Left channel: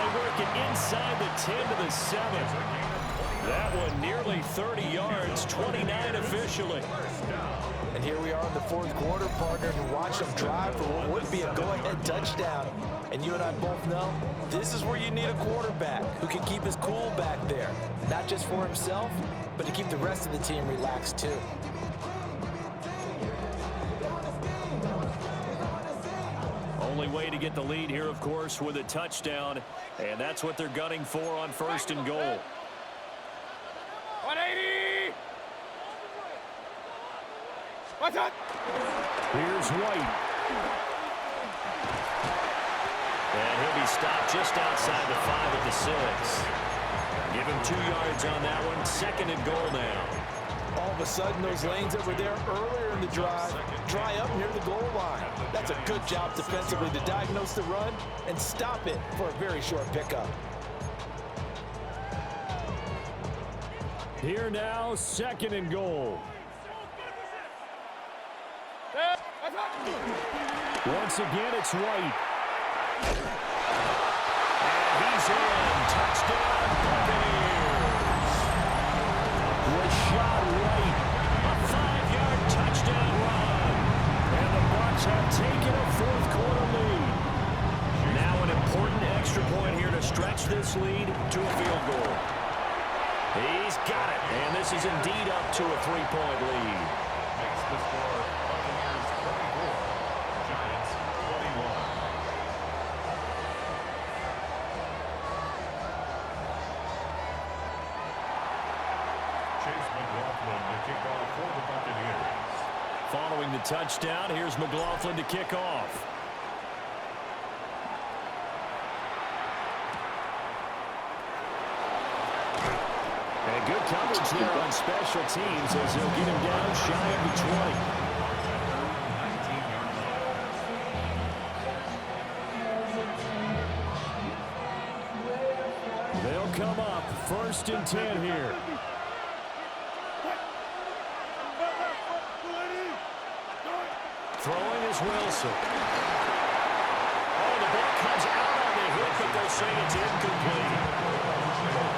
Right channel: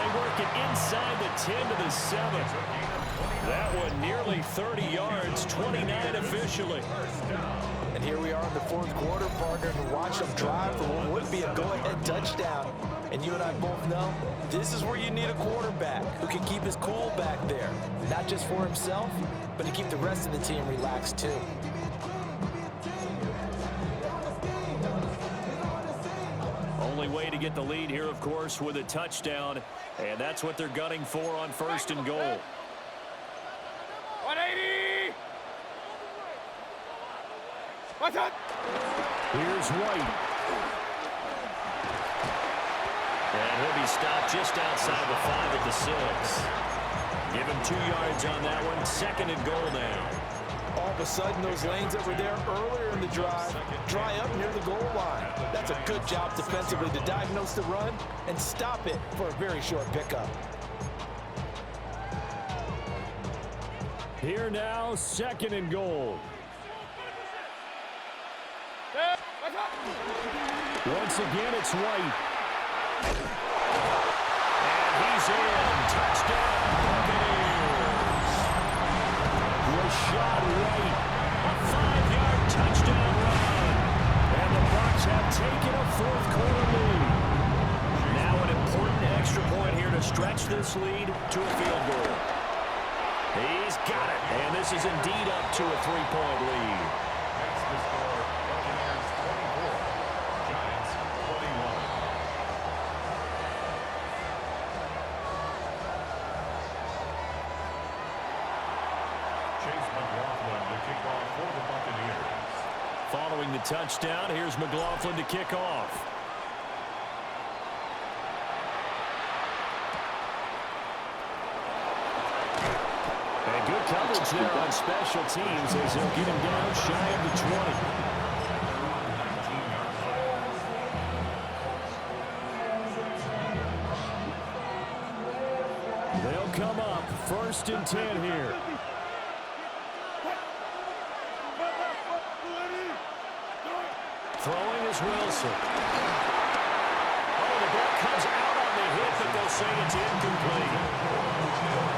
they work it inside the 10 to the 7. That one nearly 30 yards, 29 officially. And here we are in the fourth quarter, partner, and watch them drive for what would be a go-ahead touchdown. And you and I both know this is where you need a quarterback who can keep his cool back there, not just for himself, but to keep the rest of the team relaxed too. Only way to get the lead here, of course, with a touchdown, and that's what they're gunning for on 1st and goal. 180! What's up? Here's White. And he'll be stopped just outside the 5 at the 6. Give him 2 yards on that one. 2nd and goal now. All of a sudden, those lanes that were there earlier in the drive dry up near the goal line. That's a good job defensively to diagnose the run and stop it for a very short pickup. Here now, 2nd and goal. Once again, it's White. And he's in. Touchdown, Buccaneers. Was shot right. A 5-yard touchdown run. And the Bucs have taken a fourth-quarter lead. Now an important extra point here to stretch this lead to a field goal. He's got it. And this is indeed up to a 3-point lead. Makes the score Buccaneers 24, Giants 21. Chase McLaughlin to kick off for the Buccaneers. Following the touchdown, here's McLaughlin to kick off. And good coverage there on special teams as they'll get him down shy of the 20. At their own 19-yard line. They'll come up 1st and 10 here. Throwing is Wilson. Oh, the ball comes out on the hit, but they'll say it's incomplete.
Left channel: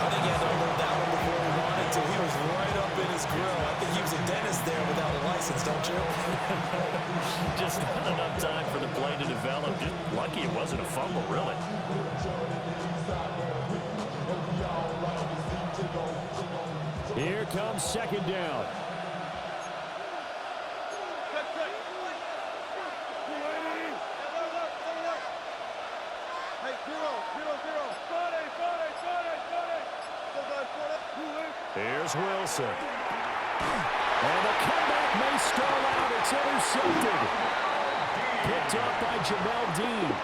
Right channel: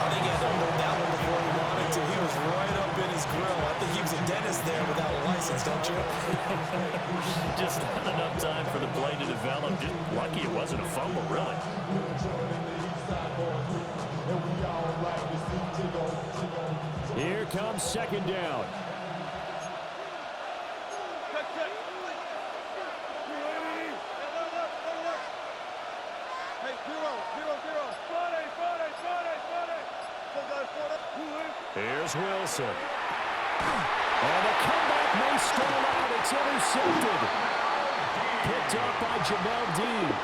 I think he had to unload that one before he wanted to. He was right up in his grill. I think he was a dentist there without a license, don't you? Just not enough time for the play to develop. Just lucky it wasn't a fumble, really. Here comes 2nd down. Here's Wilson. And the comeback may stall out. It's intercepted. Picked up by Jamel Dean.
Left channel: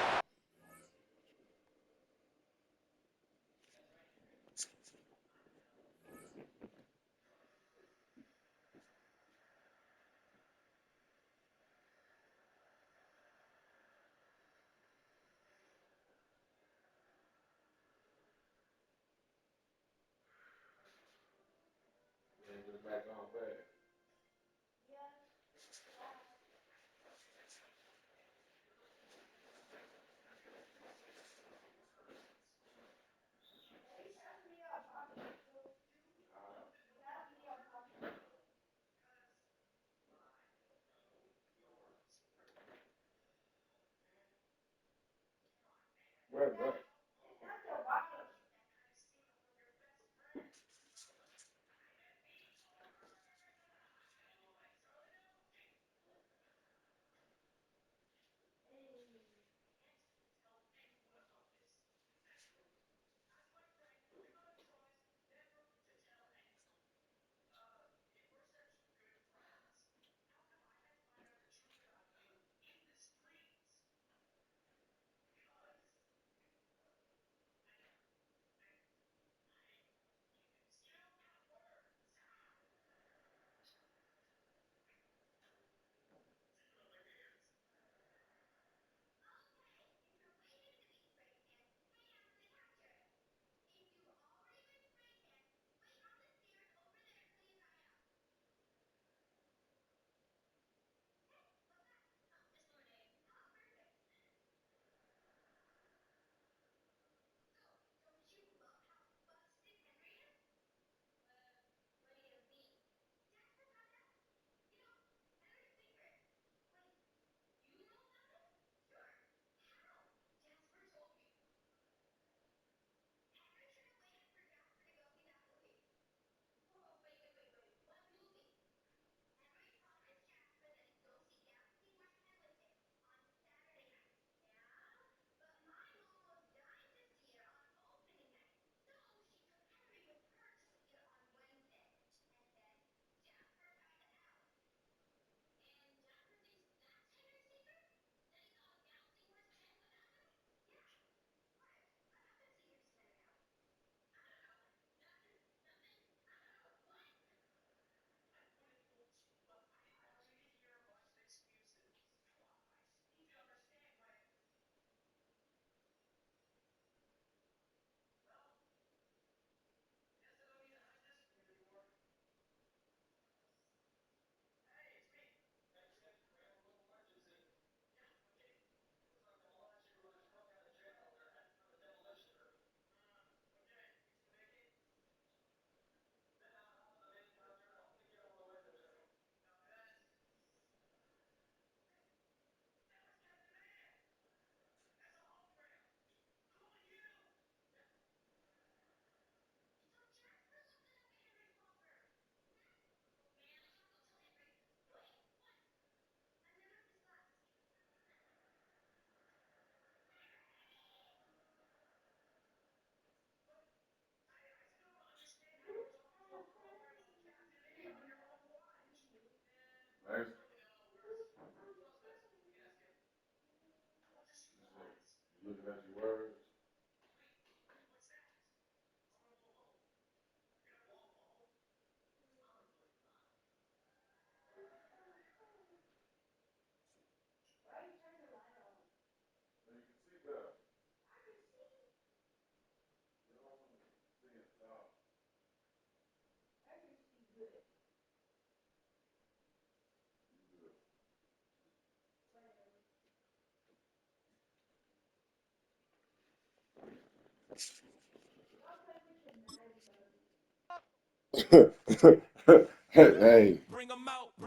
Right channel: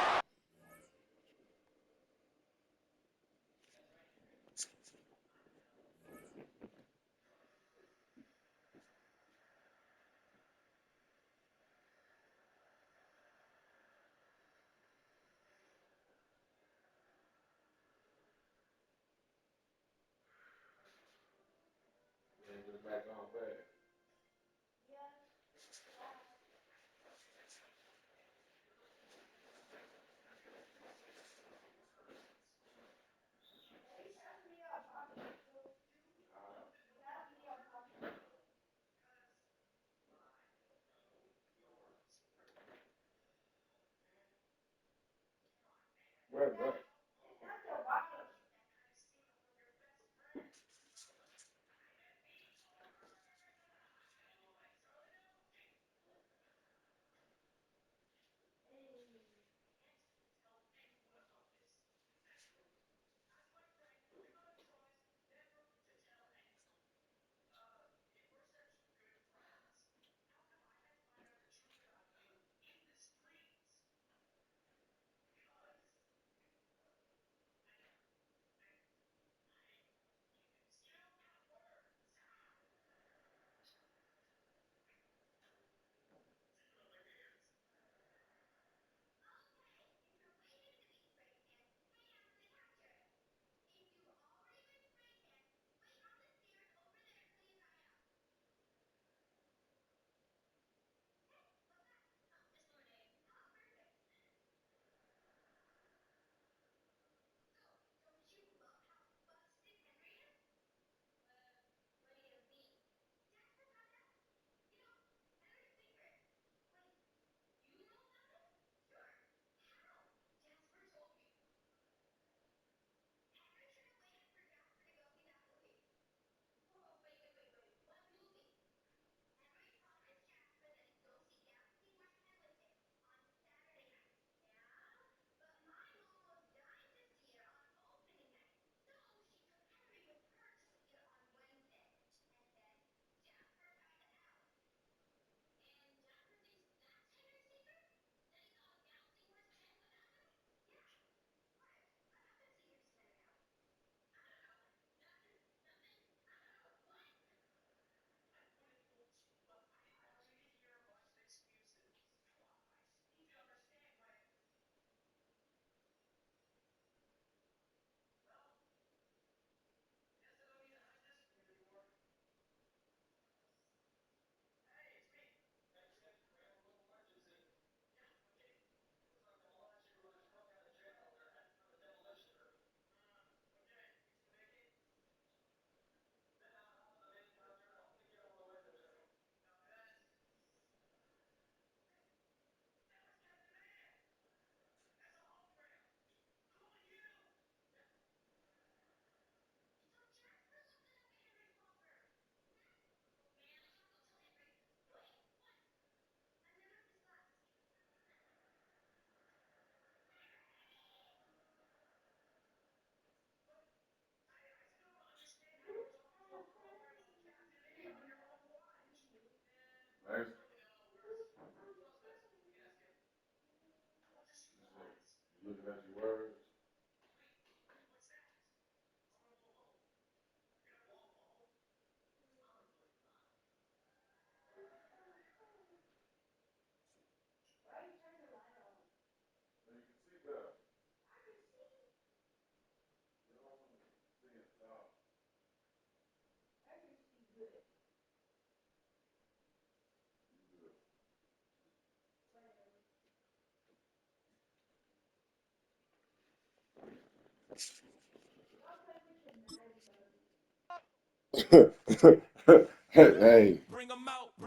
Hey,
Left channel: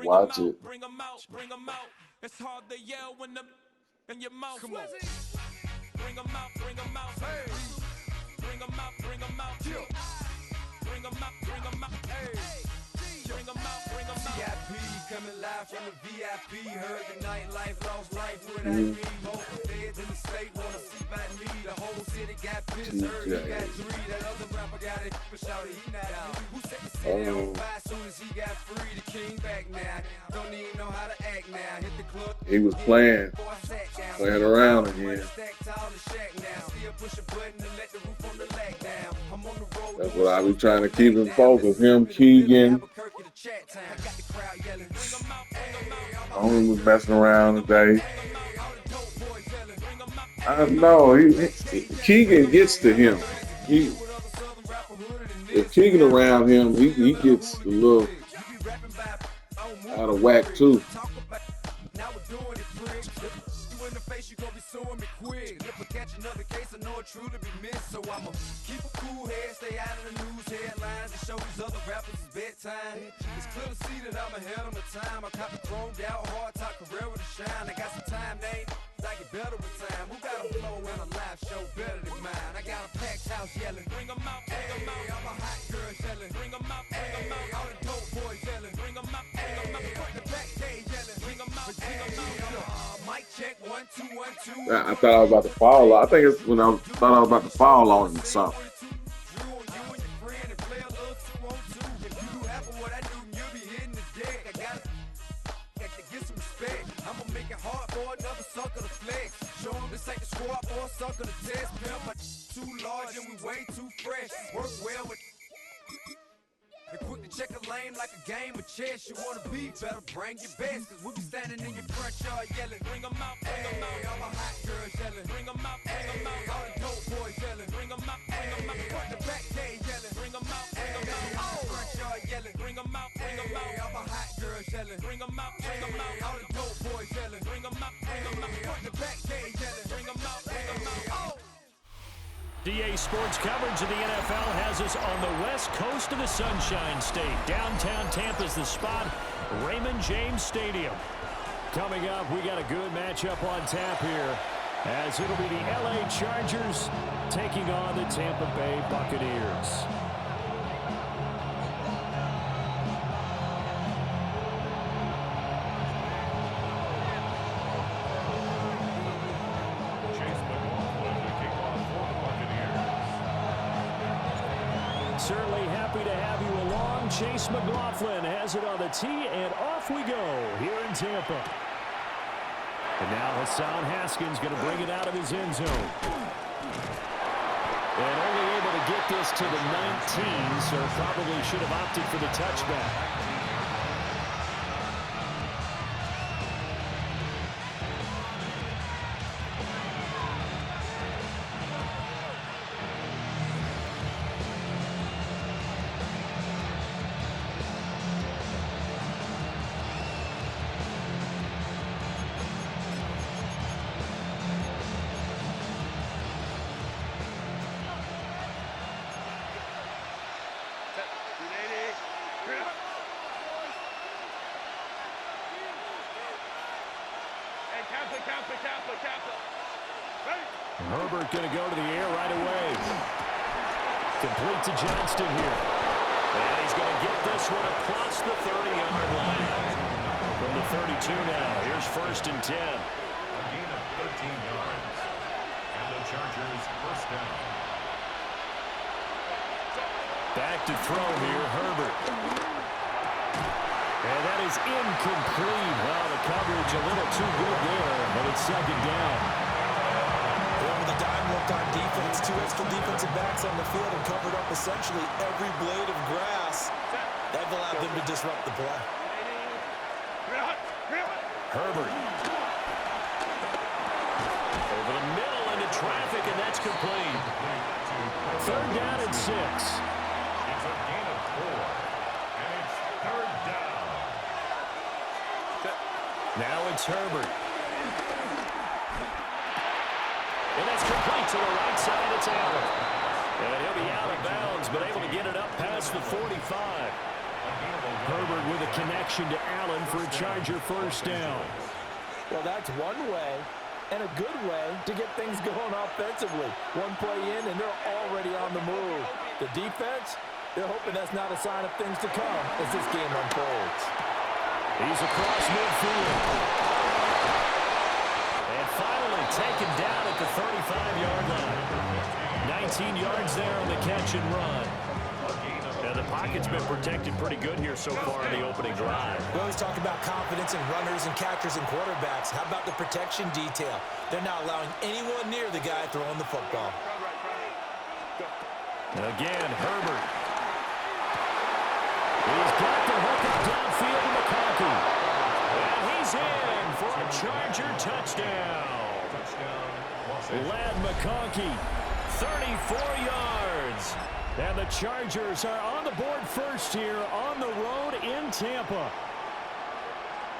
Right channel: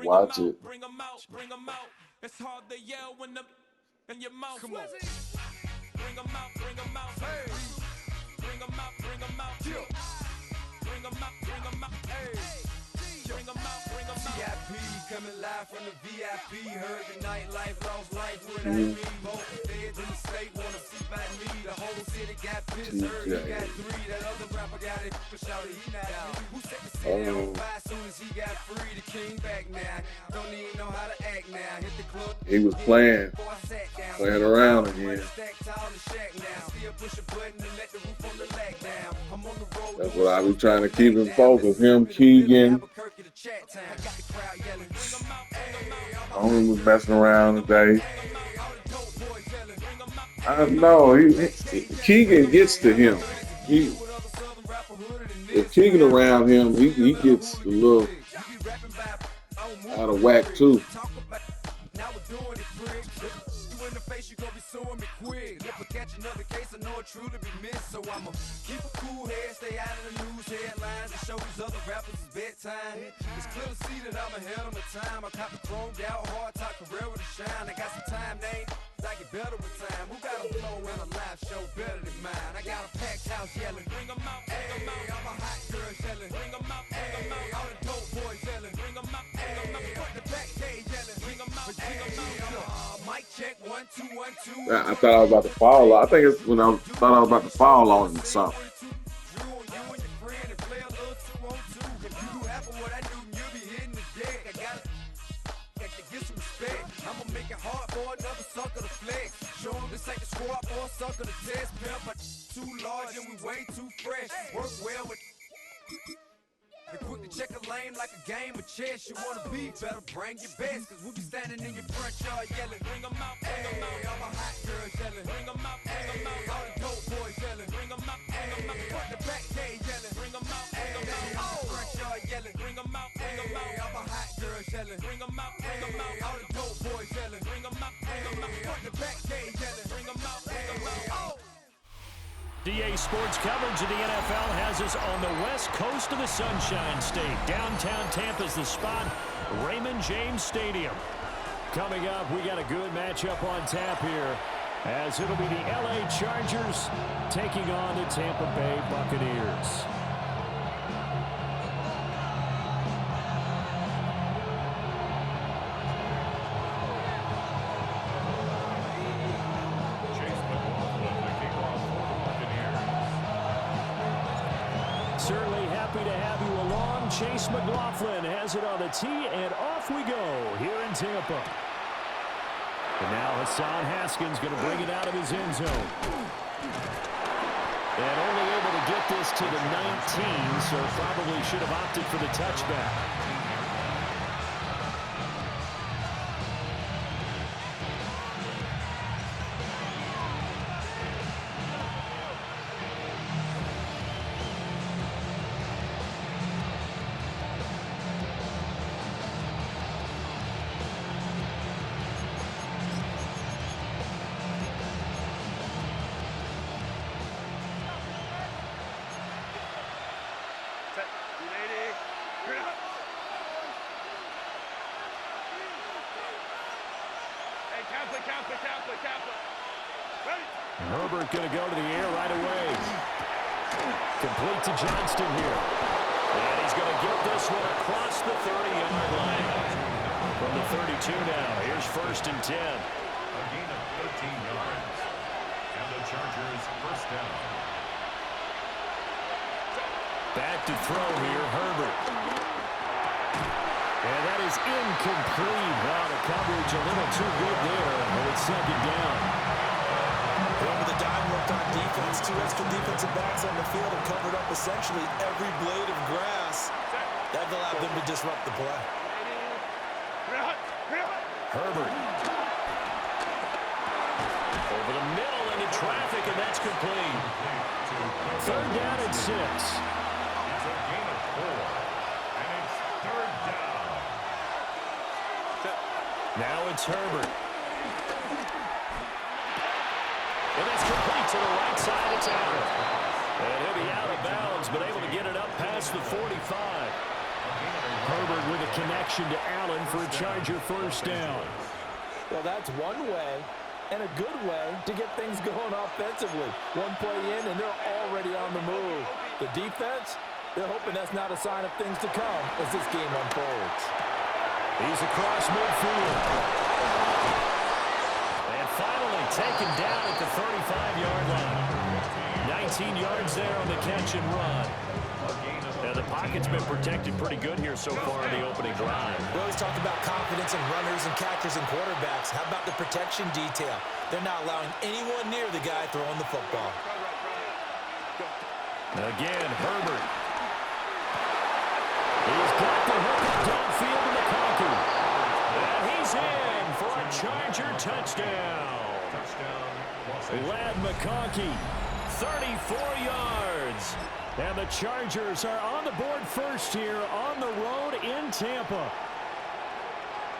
watch it. Bring 'em out. It's hard to yell when the in your mouth. Come on. Bring 'em out. Hey. Bring 'em out. Bring 'em out. Hey. Bring 'em out. VIP coming live from the VIP. Heard the nightlife, lost life. What I mean, both feds in the state wanna see by me. The whole city got pissed. Heard he got 3. That other rapper got it, but shouted he not out. Who set the city on fire as soon as he got free? The king back now. Don't even know how to act now. Hit the club. He was playing around again. That's what I be trying to keep him focused. Him, Keegan. Only was messing around today. I know Keegan gets to him. If Keegan around him, he gets a little out of whack too. You gon' be suing me quick. If I catch another case, I know it truly be missed. So I'ma keep a cool head, stay out of the news headlines, and show these other rappers it's bedtime. It's clear to see that I'm ahead of my time. I caught the chromed out, hard top career with a shine. I got some time, they ain't I get better with time. Who got a flow and a live show better than mine? I got a packed house yelling, bring 'em out, bring 'em out. I'm a hot girl yelling, bring 'em out, bring 'em out. All the dope boys yelling, bring 'em out, bring 'em out. Front the back day yelling, bring 'em out, bring 'em out. Mic check, 1 2 1 2. I thought I was about to fall. I think it's when I thought I was about to fall on him or something. I'ma make it hard for another sucker to flex. Show him this ain't the squad or a sucker to test. Pimp, but too large and we way too fresh. Work well with. And quick to check a lane like a game of chess. You wanna be better, bring your best. Cause we be standing in your front yard yelling, bring 'em out, bring 'em out. All my hot girls yelling, bring 'em out, bring 'em out. All the dope boys yelling, bring 'em out, bring 'em out. Front the back day yelling, bring 'em out, bring 'em out. All the front yard yelling, bring 'em out, bring 'em out. All my hot girls yelling, bring 'em out, bring 'em out. All the dope boys yelling, bring 'em out, bring 'em out. Front the back day yelling, bring 'em out, bring 'em out. DA Sports coverage of the NFL has us on the west coast of the Sunshine State. Downtown Tampa's the spot, Raymond James Stadium. Coming up, we got a good matchup on tap here, as it'll be the LA Chargers taking on the Tampa Bay Buccaneers. Certainly happy to have you along. Chase McLaughlin has it on the tee, and off we go here in Tampa. And now Hassan Haskins going to bring it out of his end zone. And only able to get this to the 19, so probably should have opted for the touchback. Herbert going to go to the air right away. Complete to Johnston here. And he's going to get this one across the 30-yard line. From the 32 now. Here's 1st and 10. A gain of 13 yards. And the Chargers first down. Back to throw here, Herbert. And that is incomplete. The coverage a little too good there, and it's 2nd down. With a dive offense, 2 extra defensive backs on the field and covered up essentially every blade of grass. That allowed them to disrupt the play. Herbert. Over the middle into traffic, and that's complete. 3rd down and 6. It's a gain of 4, and it's 3rd down. Now it's Herbert. And that's complete to the right side. It's Allen. And he'll be out of bounds, but able to get it up past the 45. Herbert with a connection to Allen for a Charger 1st down. Well, that's one way and a good way to get things going offensively. One play in, and they're already on the move. The defense, they're hoping that's not a sign of things to come as this game unfolds. He's across midfield. And finally taken down at the 35-yard line. 19 yards there on the catch and run. Now, the pocket's been protected pretty good here so far in the opening drive. We always talk about confidence in runners and catchers and quarterbacks. How about the protection detail? They're not allowing anyone near the guy throwing the football. Again, Herbert. He's got the hook up downfield to McConkey. And he's in for a Charger touchdown. Lad McConkey, 34 yards. And the Chargers are on the board first here on the road in Tampa.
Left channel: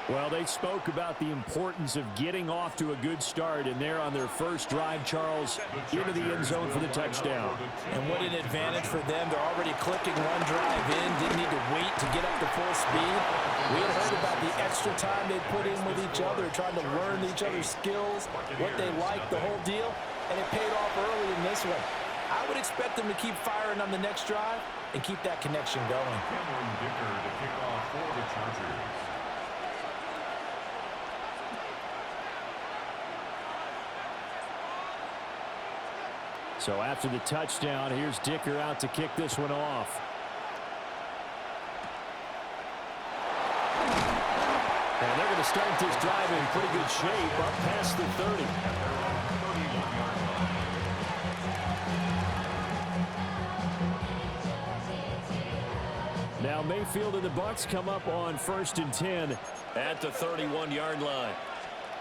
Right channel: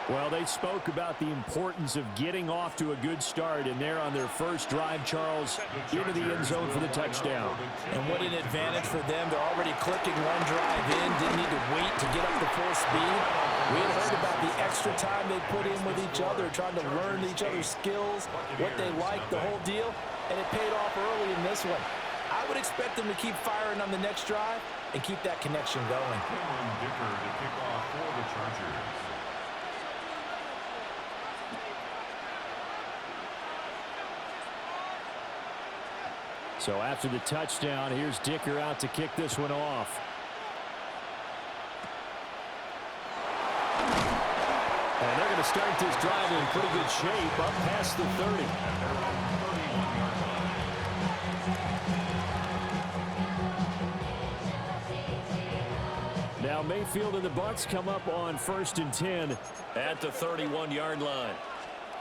Well, they spoke about the importance of getting off to a good start, and they're on their first drive, Charles, into the end zone for the touchdown. And what an advantage for them. They're already clicking one drive in, didn't need to wait to get up to full speed. We had heard about the extra time they put in with each other, trying to learn each other's skills, what they like, the whole deal, and it paid off early in this one. I would expect them to keep firing on the next drive and keep that connection going. Cameron Dicker to kick off for the Chargers. So after the touchdown, here's Dicker out to kick this one off. And they're going to start this drive in pretty good shape up past the 30. At their own 31-yard line. Now Mayfield and the Bucs come up on 1st and 10 at the 31-yard line.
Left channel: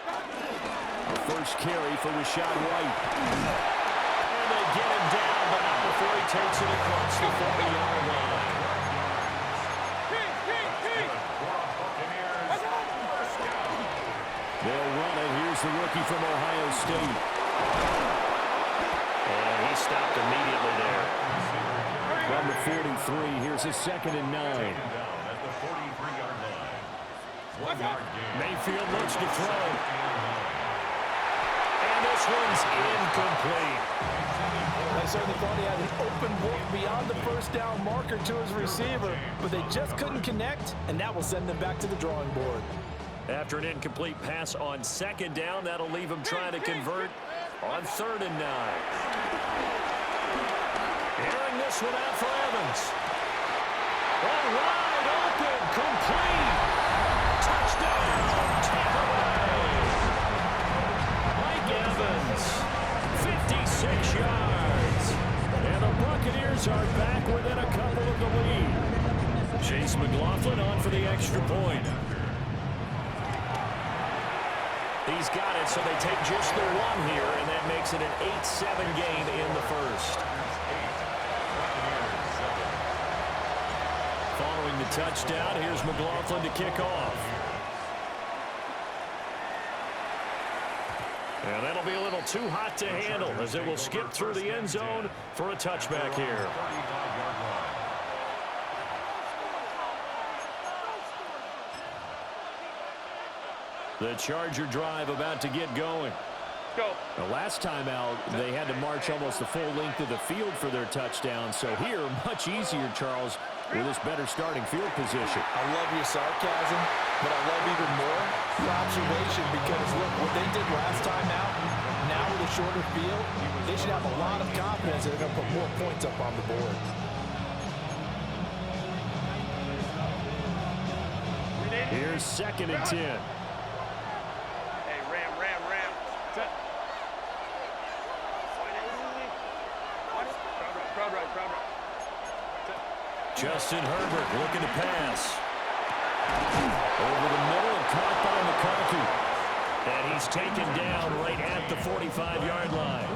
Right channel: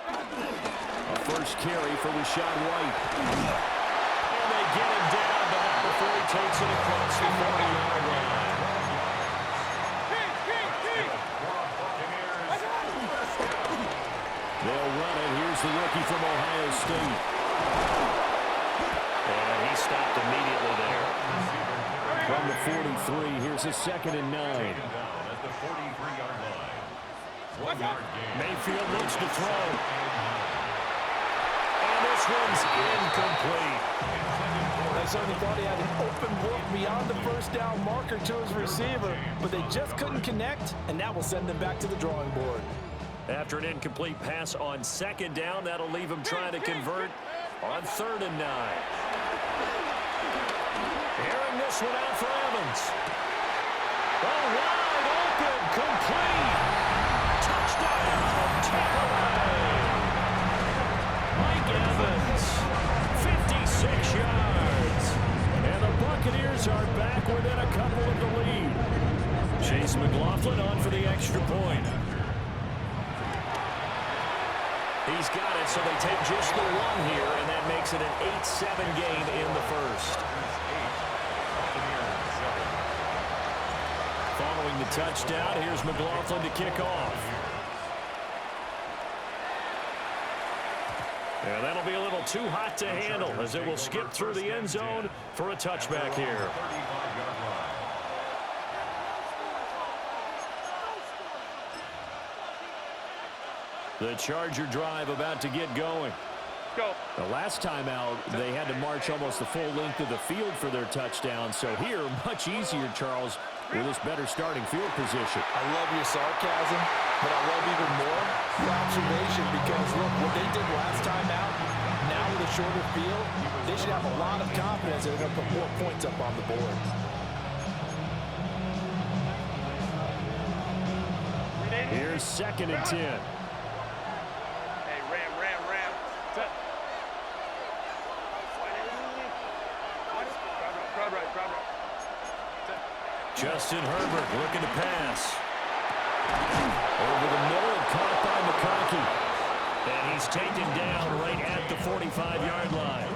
A first carry for Rashad White. And they get him down, but not before he takes it across the 40-yard line. They'll run it. Here's the rookie from Ohio State. And he stopped immediately there. From the 43, here's a 2nd and 9. Taken down at the 43-yard line. 1 yard gain. Mayfield looks to throw. And this one's incomplete. I certainly thought he had an open look beyond the first down marker to his receiver, but they just couldn't connect, and that will send them back to the drawing board. After an incomplete pass on 2nd down, that'll leave him trying to convert on 3rd and 9. Airing this one out for Evans. Oh, wide open, complete. Touchdown, Tampa Bay. Mike Evans, 56 yards. And the Buccaneers are back within a couple of the lead. Chase McLaughlin on for the extra point. He's got it, so they take just the one here, and that makes it an 8-7 game in the first. Following the touchdown, here's McLaughlin to kick off. And that'll be a little too hot to handle as it will skip through the end zone for a touchback here. 35-yard line. The Charger drive about to get going. Go. The last time out, they had to march almost the full length of the field for their touchdown. So here, much easier, Charles, with this better starting field position. I love your sarcasm, but I love even more your observation because, look, what they did last time out, now with a shorter field, they should have a lot of confidence that they're going to put more points up on the board. Here's 2nd and 10. Hey, ram. Set. Justin Herbert looking to pass. Over the middle and caught by McConkey. And he's taken down right at the 45-yard line.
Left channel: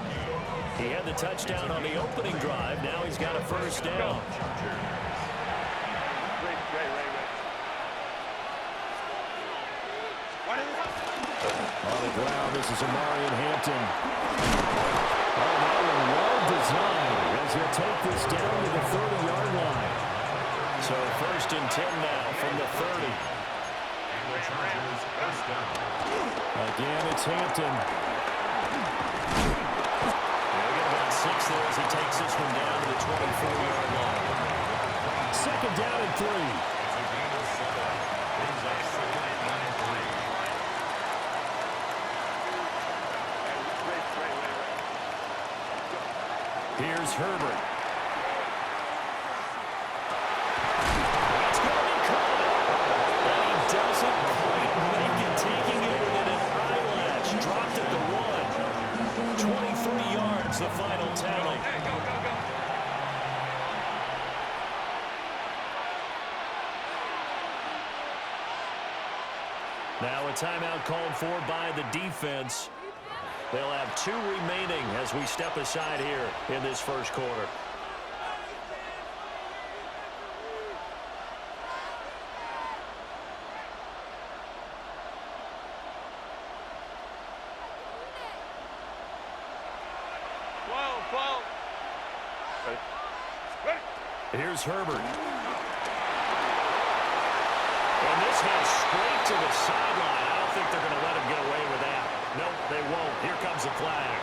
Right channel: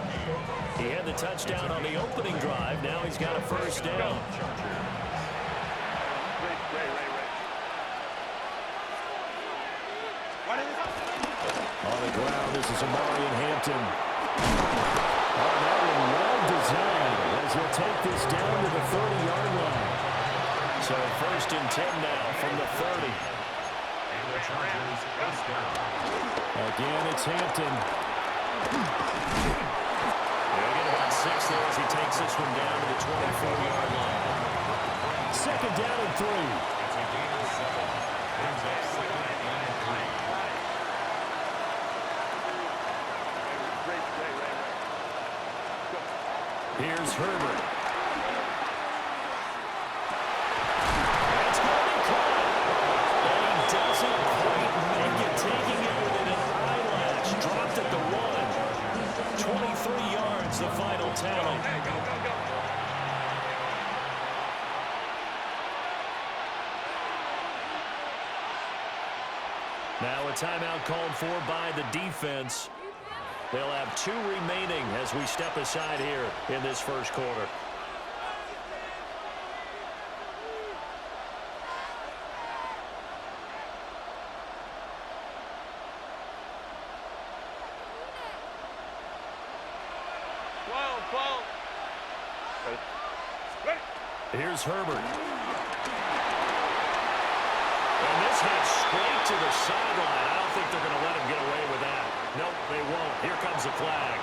He had the touchdown on the opening drive. Now he's got a first down. On the ground, this is Amari and Hampton. Oh, that one well designed as he'll take this down to the 30-yard line. So 1st and 10 now from the 30. And the Chargers first down. Again, it's Hampton. He'll get about 6 there as he takes this one down to the 24-yard line. 2nd down and 3. It's a gain of 7. Brings up 2nd and 3. Here's Herbert. That's going to be caught. And he doesn't quite make it, taking it within an eyelash. Dropped at the 1. 23 yards, the final tally. Now a timeout called for by the defense. They'll have 2 remaining as we step aside here in this first quarter. Here's Herbert. And this heads straight to the sideline. I don't think they're going to let him get away with that. Nope, they won't. Here comes the flag.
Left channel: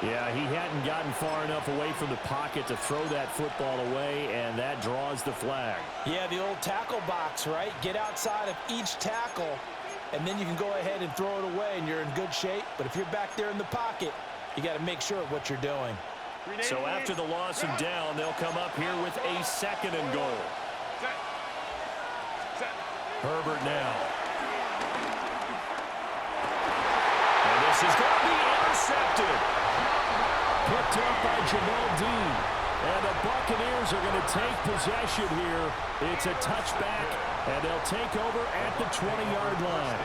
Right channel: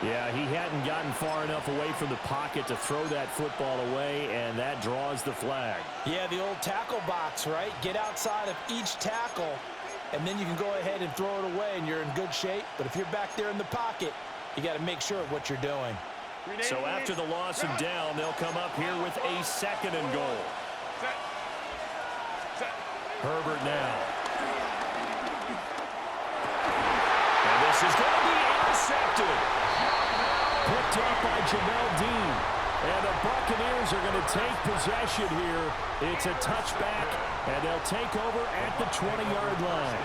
Yeah, he hadn't gotten far enough away from the pocket to throw that football away, and that draws the flag. Yeah, the old tackle box, right? Get outside of each tackle, and then you can go ahead and throw it away, and you're in good shape. But if you're back there in the pocket, you got to make sure of what you're doing. So after the loss and down, they'll come up here with a 2nd and goal. Herbert now. And this is going to be intercepted. Picked up by Jamel Dean. And the Buccaneers are going to take possession here. It's a touchback, and they'll take over at the 20-yard line.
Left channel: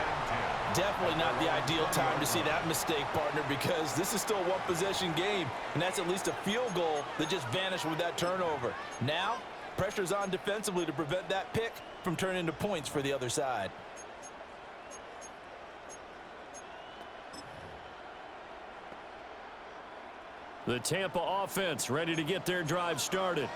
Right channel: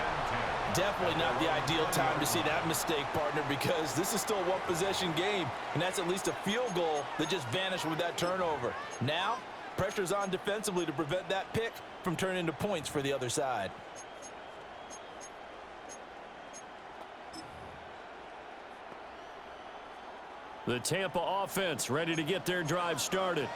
Definitely not the ideal time to see that mistake, partner, because this is still a one-possession game, and that's at least a field goal that just vanished with that turnover. Now, pressure's on defensively to prevent that pick from turning into points for the other side. The Tampa offense ready to get their drive started.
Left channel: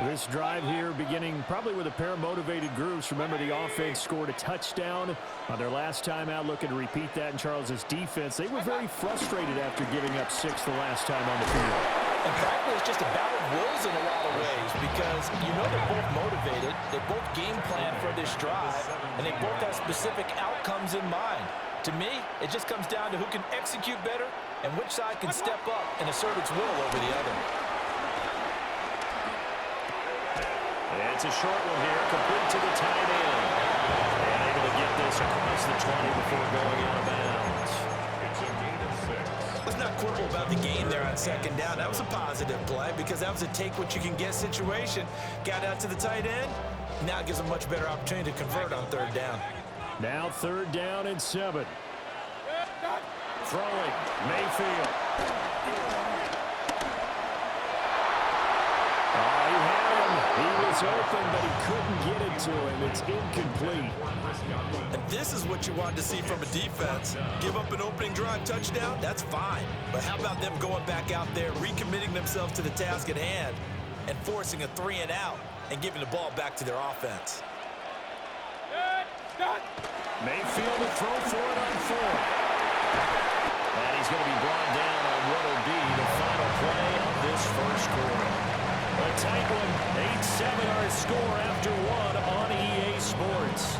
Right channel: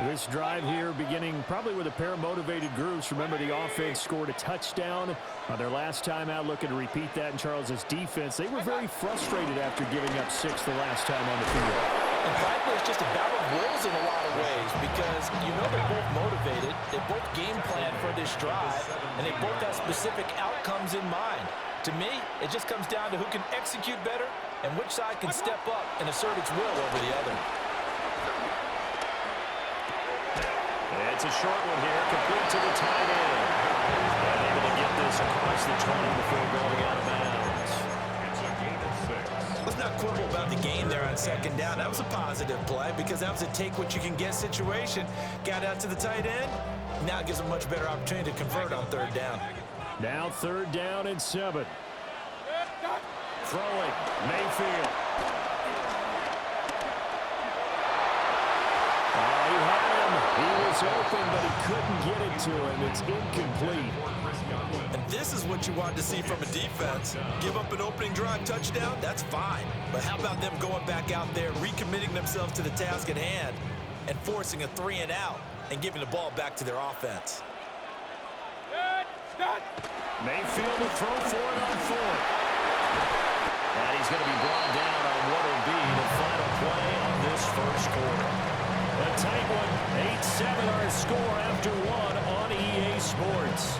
This drive here beginning probably with a pair of motivated groups. Remember, the offense scored a touchdown on their last time out, looking to repeat that in Charles's defense. They were very frustrated after giving up 6 the last time on the field. And frankly, it's just a battle of wills in a lot of ways, because you know they're both motivated, they both game plan for this drive, and they both have specific outcomes in mind. To me, it just comes down to who can execute better and which side can step up and assert its will over the other. It's a short one here, complete to the tight end. And able to get this across the 20 before going out of bounds. It's a gain of 6. Let's not quibble about the game there on 2nd down. That was a positive play because that was a take-what-you-can-get situation. Got out to the tight end. Now it gives them a much better opportunity to convert on 3rd down. Now 3rd down and 7. Throwing, Mayfield. Oh, he had him. He was open, but he couldn't get it to him. It's incomplete. And this is what you want to see from a defense. Give up an opening drive touchdown, that's fine. But how about them going back out there, recommitting themselves to the task at hand, and forcing a 3-and-out and giving the ball back to their offense? Mayfield to throw for it on 4th. And he's going to be brought down on what will be the final play of this first quarter. A tight one, 8-7 our score after 1 on EA Sports.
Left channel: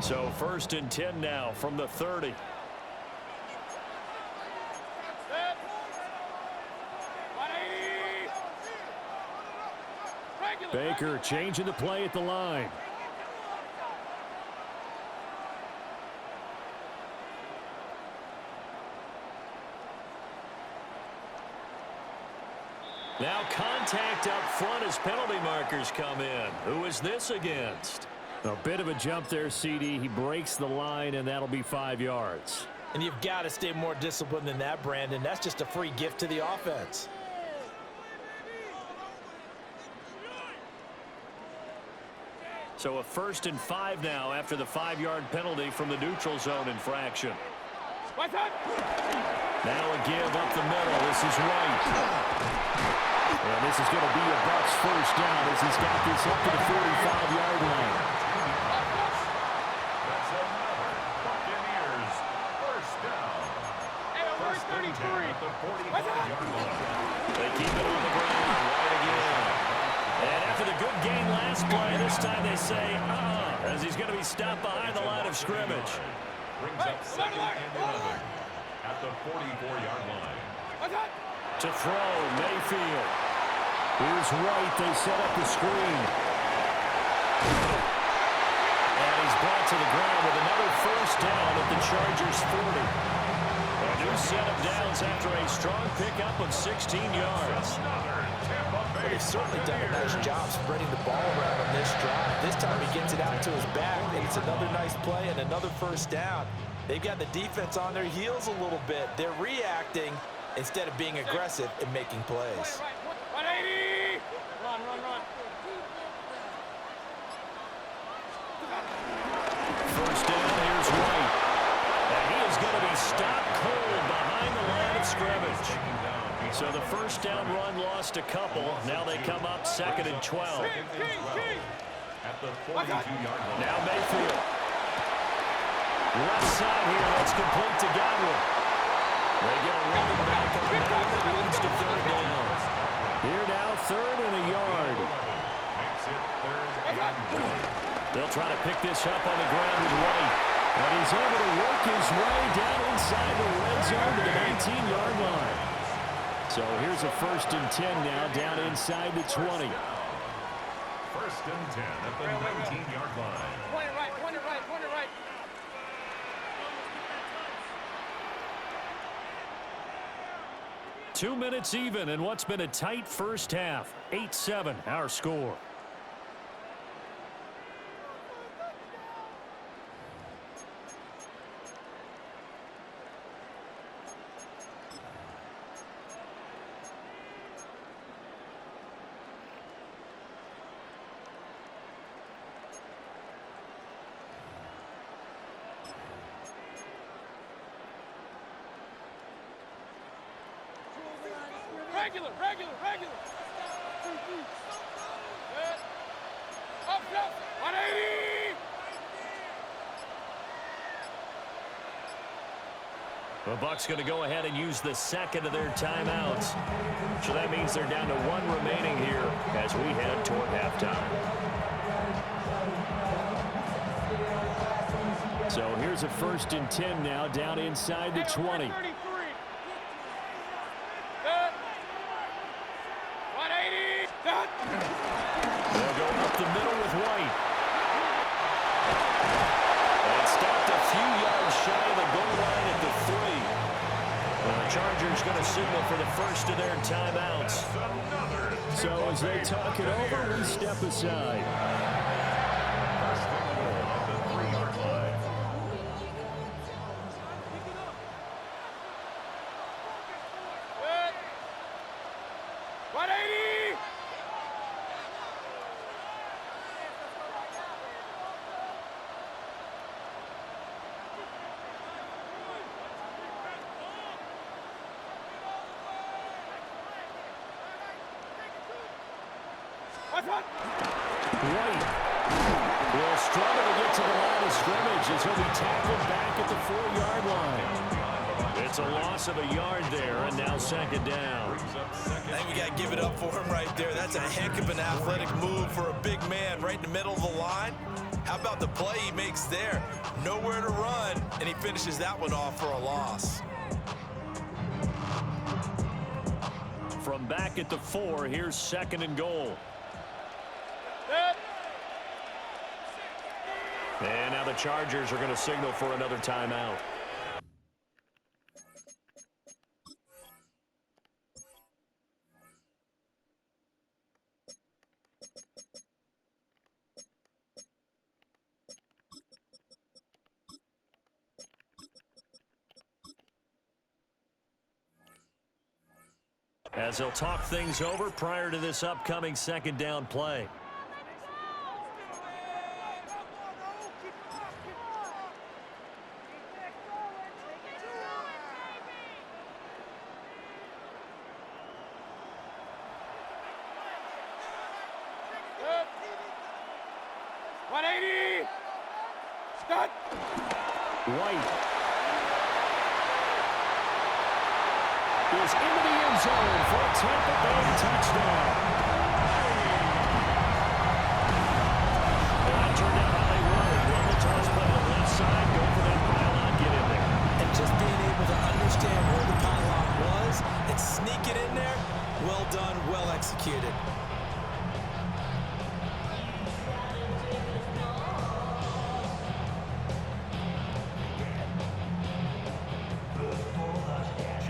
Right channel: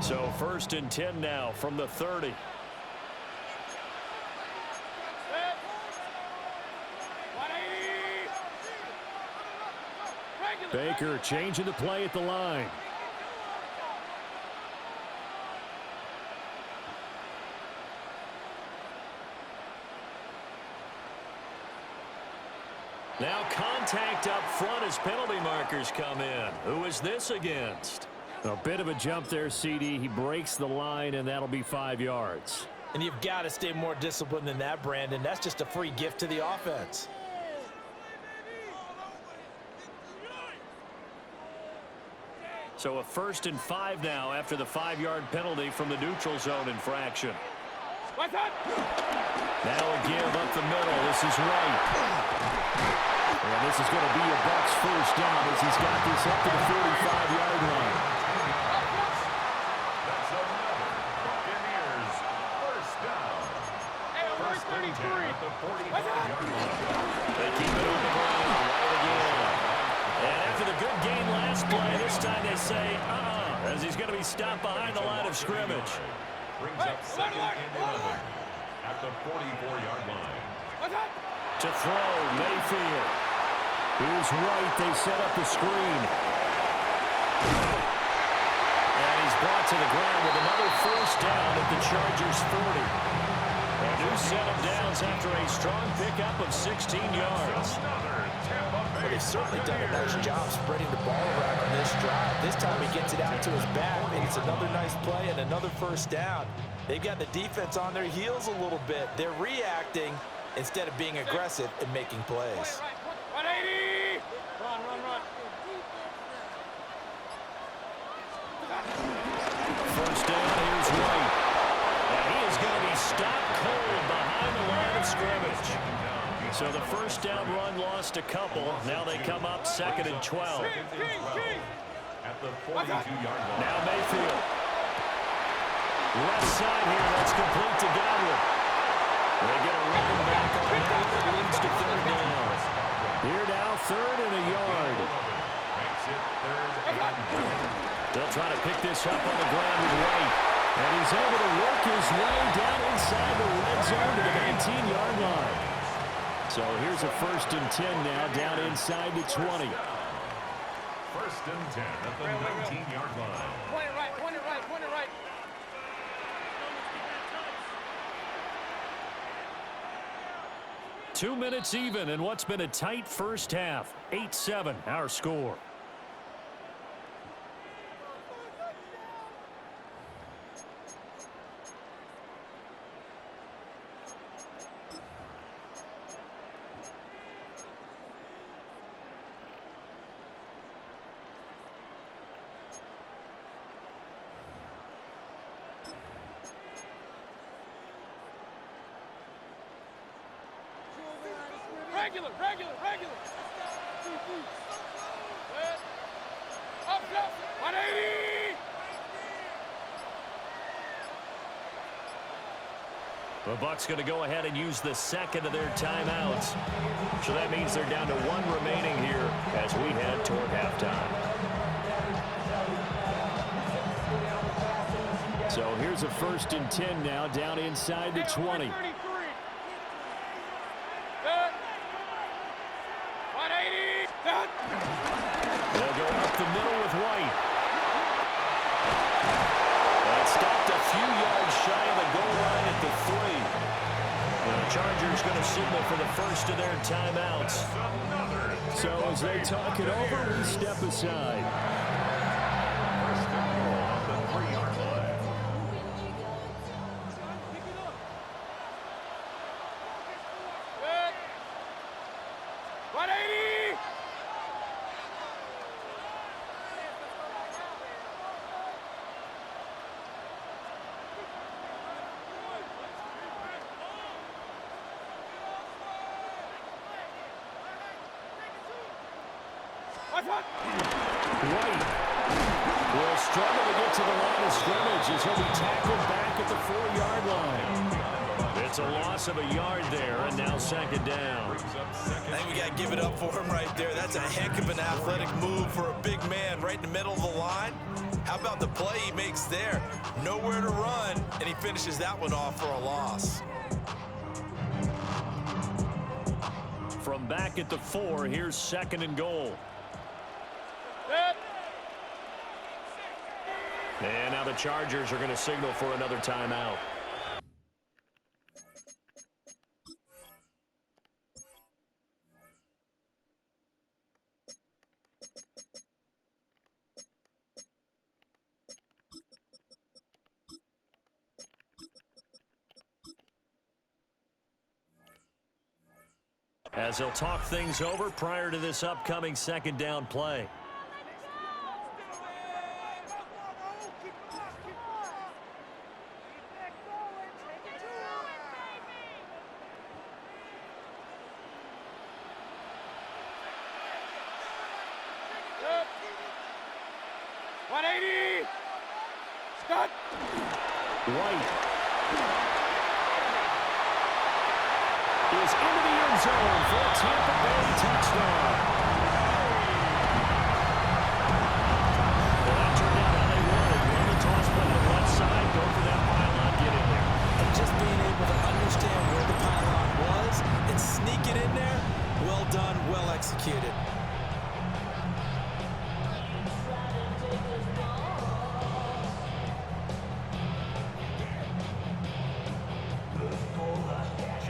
So 1st and 10 now from the 30. Baker changing the play at the line. Now contact up front as penalty markers come in. Who is this against? A bit of a jump there, CD. He breaks the line, and that'll be 5 yards. And you've got to stay more disciplined than that, Brandon. That's just a free gift to the offense. So a 1st and 5 now after the 5-yard penalty from the neutral zone infraction. Now a give up the middle. This is White. And this is going to be a Bucs first down as he's got this up to the 45-yard line. That's another Buccaneers first down. First and 10 at the 45-yard line. They keep it on the ground. White again. And after the good gain last play, this time they say, as he's going to be stopped behind the line of scrimmage. Brings up 2nd and 11 at the 44-yard line. To throw, Mayfield. Here's White. They set up the screen. And he's brought to the ground with another first down at the Chargers' 40. A new set of downs after a strong pickup of 16 yards. But they've certainly done a nice job spreading the ball around on this drive. This time he gets it out to his back, and it's another nice play and another first down. They've got the defense on their heels a little bit. They're reacting instead of being aggressive and making plays. 180! Run. First down, here's White. And he is going to be stopped cold behind the line of scrimmage. So the first down run lost a couple. Now they come up 2nd and 12. At the 42-yard line. Now Mayfield. Left side here, that's complete to Godwin. They get a run back on that. That leads to 3rd down. Here now, 3rd and a yard. Makes it 3rd and 1. They'll try to pick this up on the ground with White. And he's able to work his way down inside the red zone to the 19-yard line. So here's a 1st and 10 now, down inside the 20. 1st and 10 at the 19-yard line. Point it right. 2 minutes even in what's been a tight first half. 8-7, our score. Regular. Good. Up. 180! The Bucs going to go ahead and use the 2nd of their timeouts. So that means they're down to 1 remaining here as we head toward halftime. So here's a 1st and 10 now, down inside the 20. 180! They'll go up the middle with White. And stopped a few yards shy of the goal line at the 3. And the Chargers going to signal for the first of their timeouts. So as they talk it over, we step aside. 1st and goal at the 3-yard line. Good. 180! White will struggle to get to the line of scrimmage as he'll be tackled back at the 4-yard line. It's a loss of a yard there, and now 2nd down. I think we got to give it up for him right there. That's a heck of an athletic move for a big man right in the middle of the line. How about the play he makes there? Nowhere to run, and he finishes that one off for a loss. From back at the 4, here's 2nd and goal. And now the Chargers are going to signal for another timeout. As they'll talk things over prior to this upcoming second down play. Good. 180. Start. White is into the end zone for a Tampa Bay touchdown. Well, that turned out how they wanted. Run the toss play to the left side, go for that pylon, get in there. And just being able to understand where the pylon was and sneak it in there, well done, well executed.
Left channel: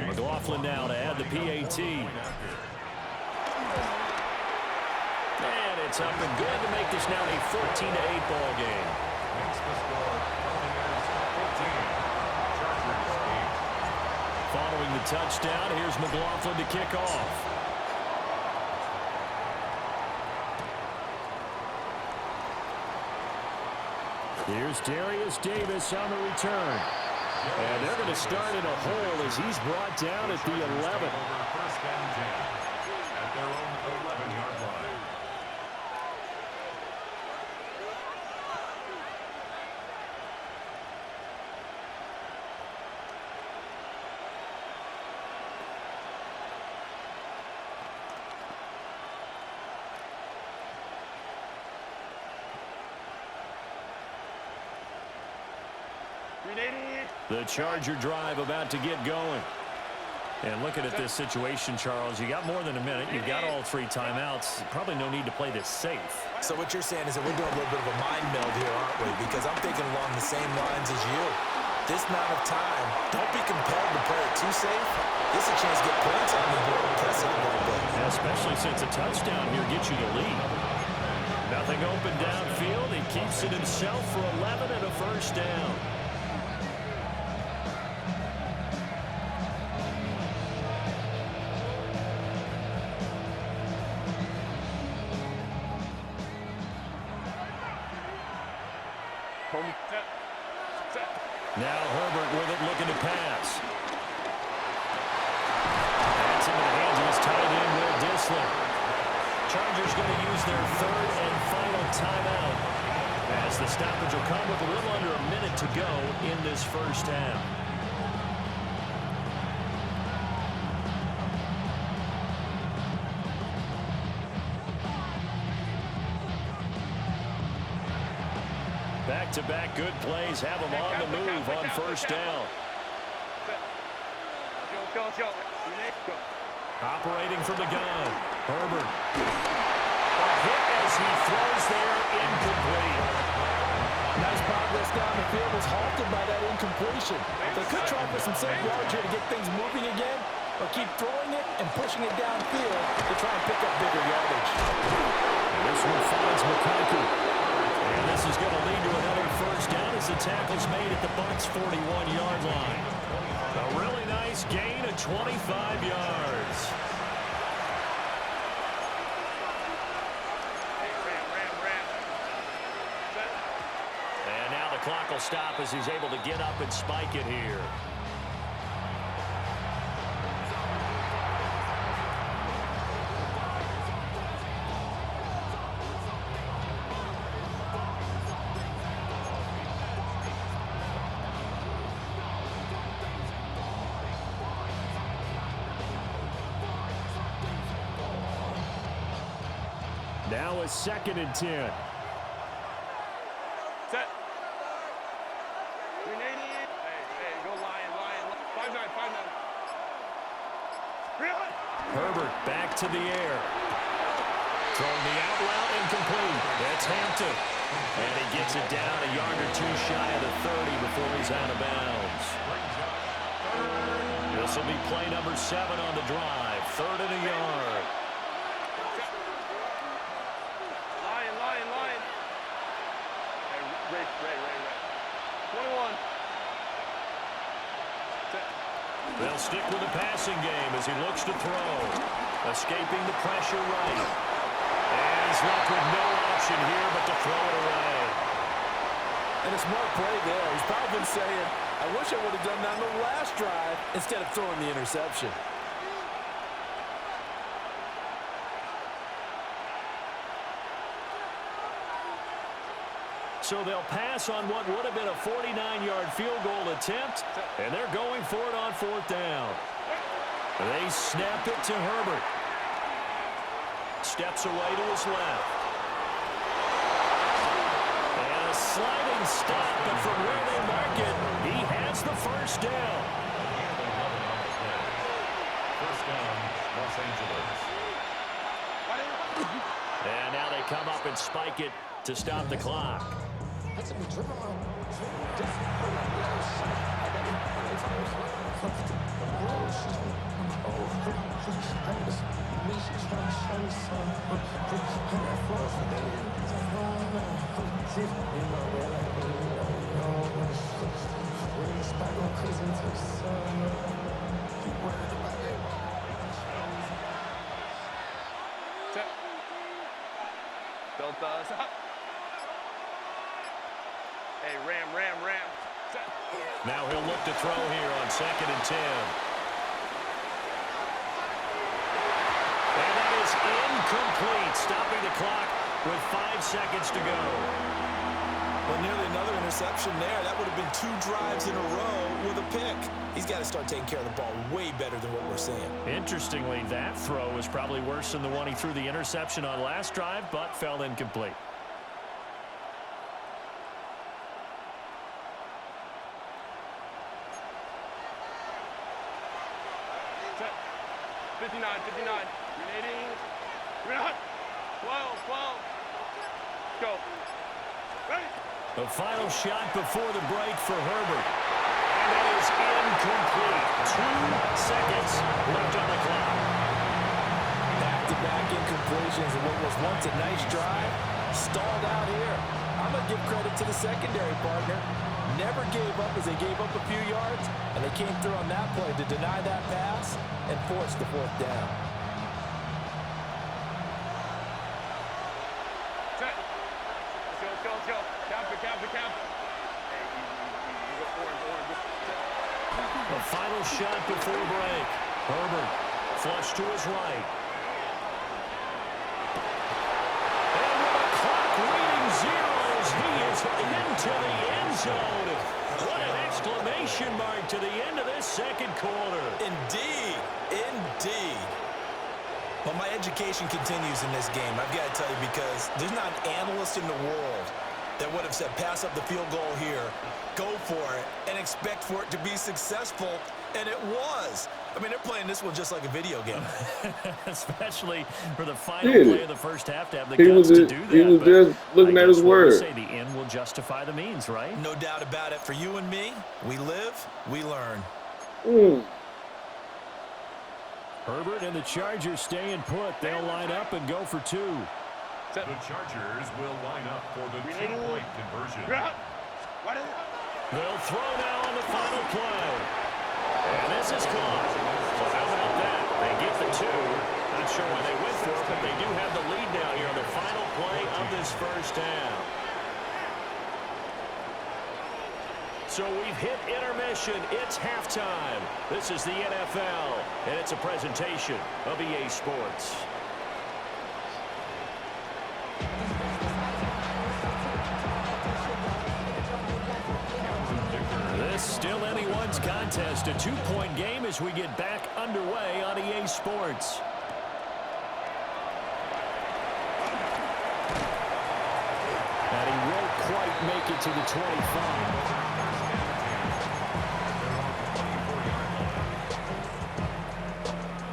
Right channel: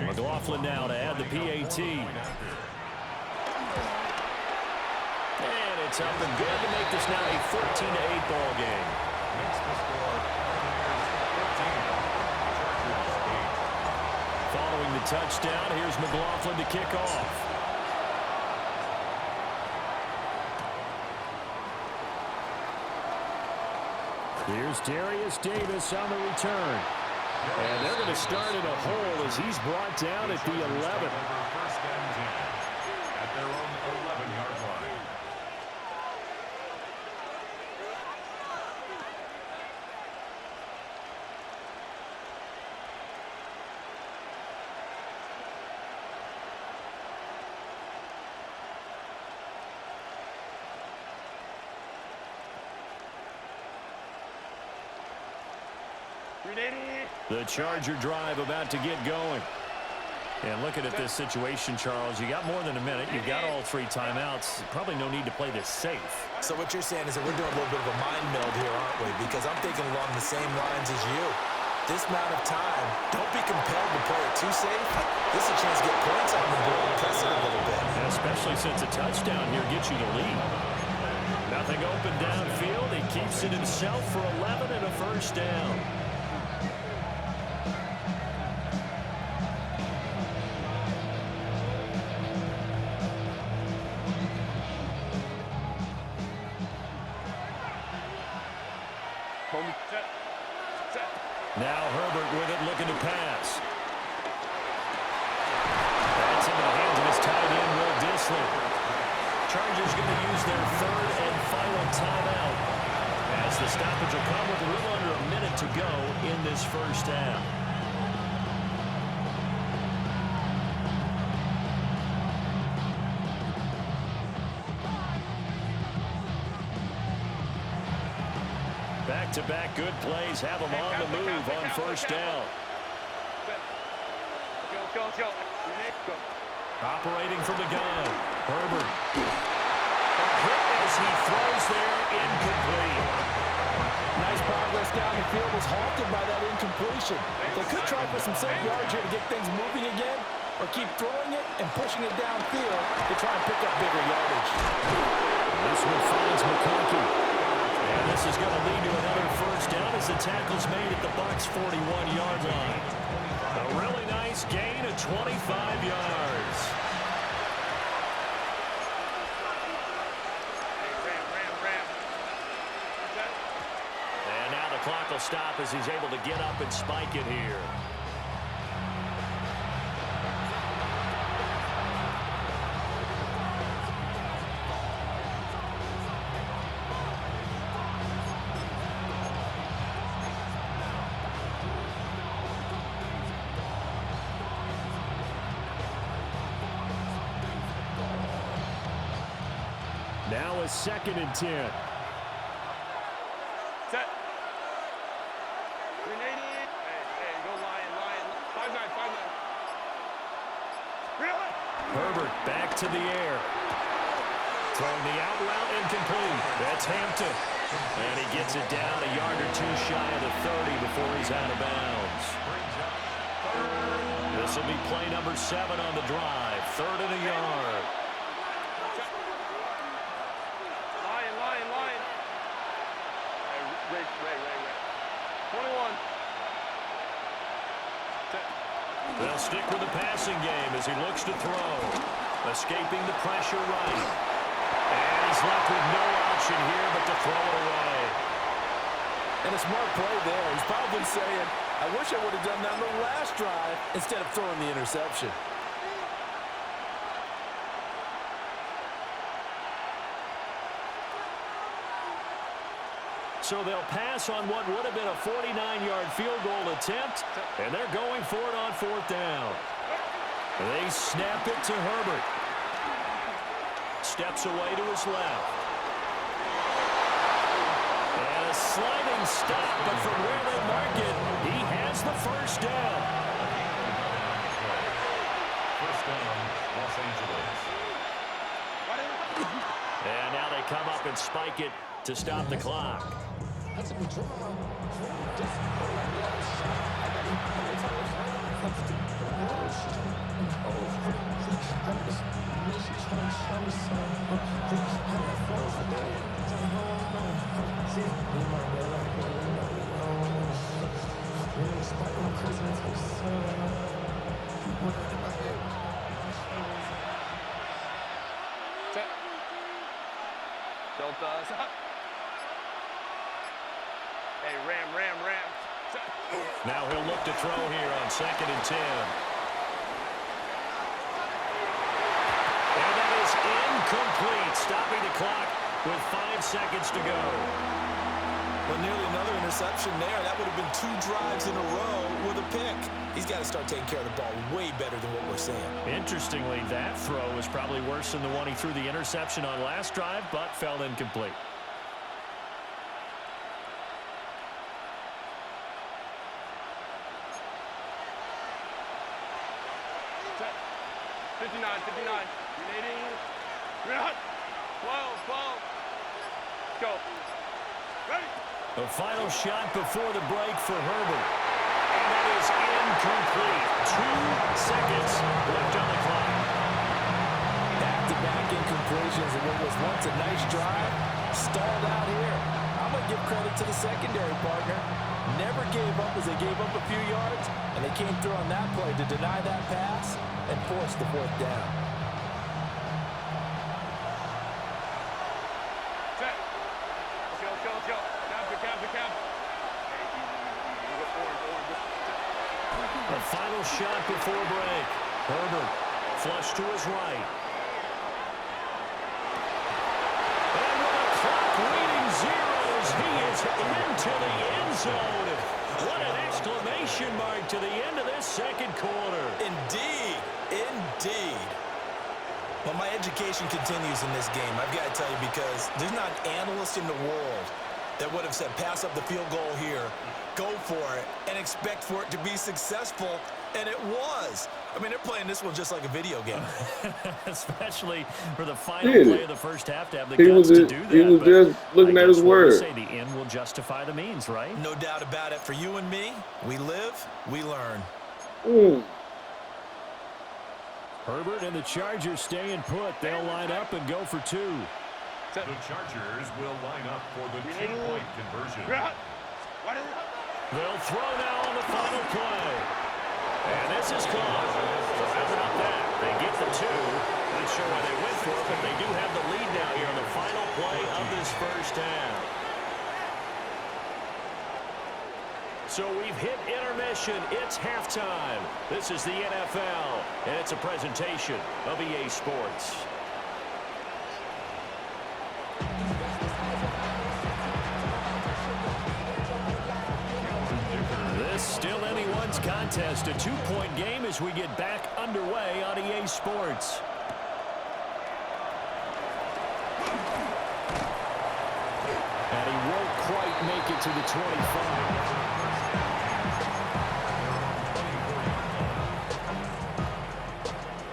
McLaughlin now to add the PAT. And it's up and good to make this now a 14-8 ball game. Makes the score Buccaneers 14, Chargers 8. Following the touchdown, here's McLaughlin to kick off. Here's Darius Davis on the return. And they're going to start in a hole as he's brought down at the 11. Over first and 10 at their own 11-yard line. The Charger drive about to get going. And looking at this situation, Charles, you got more than a minute. You've got all three timeouts. Probably no need to play this safe. So what you're saying is that we're doing a little bit of a mind meld here, aren't we? Because I'm thinking along the same lines as you. This amount of time, don't be compelled to play it too safe. This is a chance to get points on the board, press it a little bit. And especially since a touchdown here gets you the lead. Nothing open downfield. He keeps it himself for 11 and a first down. Now Herbert with it, looking to pass. That's into the hands of his tight end, Will Dissly. Chargers going to use their third and final timeout as the stoppage will come with a little under a minute to go in this first half. Back-to-back good plays have them on the move on first down. Operating from the gun. Herbert. A hit as he throws there, incomplete. Nice progress down the field, was halted by that incompletion. They could try for some safe yards here to get things moving again, or keep throwing it and pushing it downfield to try and pick up bigger yardage. This one finds McConkey. And this is going to lead to another first down as the tackle's made at the Bucs' 41-yard line. A really nice gain of 25 yards. And now the clock will stop as he's able to get up and spike it here. Now a 2nd and 10. Set. 380. Hey, go Lion. 5-9. Really? Herbert back to the air. Throwing the out route incomplete. That's Hampton. And he gets it down a yard or two shy of the 30 before he's out of bounds. This will be play number 7 on the drive. 3rd and a yard. Lion. Hey, Ray. 21. They'll stick with the passing game as he looks to throw. Escaping the pressure right. And he's left with no option here but to throw it away. And a smart play there. He's probably saying, I wish I would have done that on the last drive instead of throwing the interception. So they'll pass on what would have been a 49-yard field goal attempt, and they're going for it on 4th down. They snap it to Herbert. Steps away to his left. And a sliding stop, but from where they mark it, he has the first down. First down, Los Angeles. And now they come up and spike it to stop the clock. Delta. Hey, Ram. Now he'll look to throw here on 2nd and 10. And that is incomplete, stopping the clock with 5 seconds to go. Well, nearly another interception there. That would have been 2 drives in a row with a pick. He's got to start taking care of the ball way better than what we're seeing. Interestingly, that throw was probably worse than the one he threw the interception on last drive, but fell incomplete. Set. 59. Grenading. 12. Go. Ready. The final shot before the break for Herbert. And that is incomplete. 2 seconds left on the clock. Back-to-back incompletions and what was once a nice drive stalled out here. I'm going to give credit to the secondary partner. Never gave up as they gave up a few yards, and they came through on that play to deny that pass and force the 4th down. Set. Let's go. Cap. Hey, easy. Go orange. The final shot before break. Herbert flush to his right. And with the clock reading zeros, he is into the end zone. What an exclamation mark to the end of this 2nd quarter. Indeed. Well, my education continues in this game, I've got to tell you, because there's not an analyst in the world that would have said pass up the field goal here, go for it, and expect for it to be successful, and it was. I mean, they're playing this one just like a video game. Especially for the final play of the first half to have the He guts was to do that. he was just looking at his word. Say the end will justify the means, right? No doubt about it. For you and me, we live, we learn. Herbert and the Chargers staying put. They'll line up and go for 2. The Chargers will line up for the 2-point conversion. They'll throw now on the final play. And this is caught. So how about that? They get the 2. Not sure why they went for it, but they do have the lead now here on the final play of this first down. So we've hit intermission. It's halftime. This is the NFL, and it's a presentation of EA Sports. This still anyone's contest, a 2-point game as we get back underway on EA Sports. And he won't quite make it to the 25.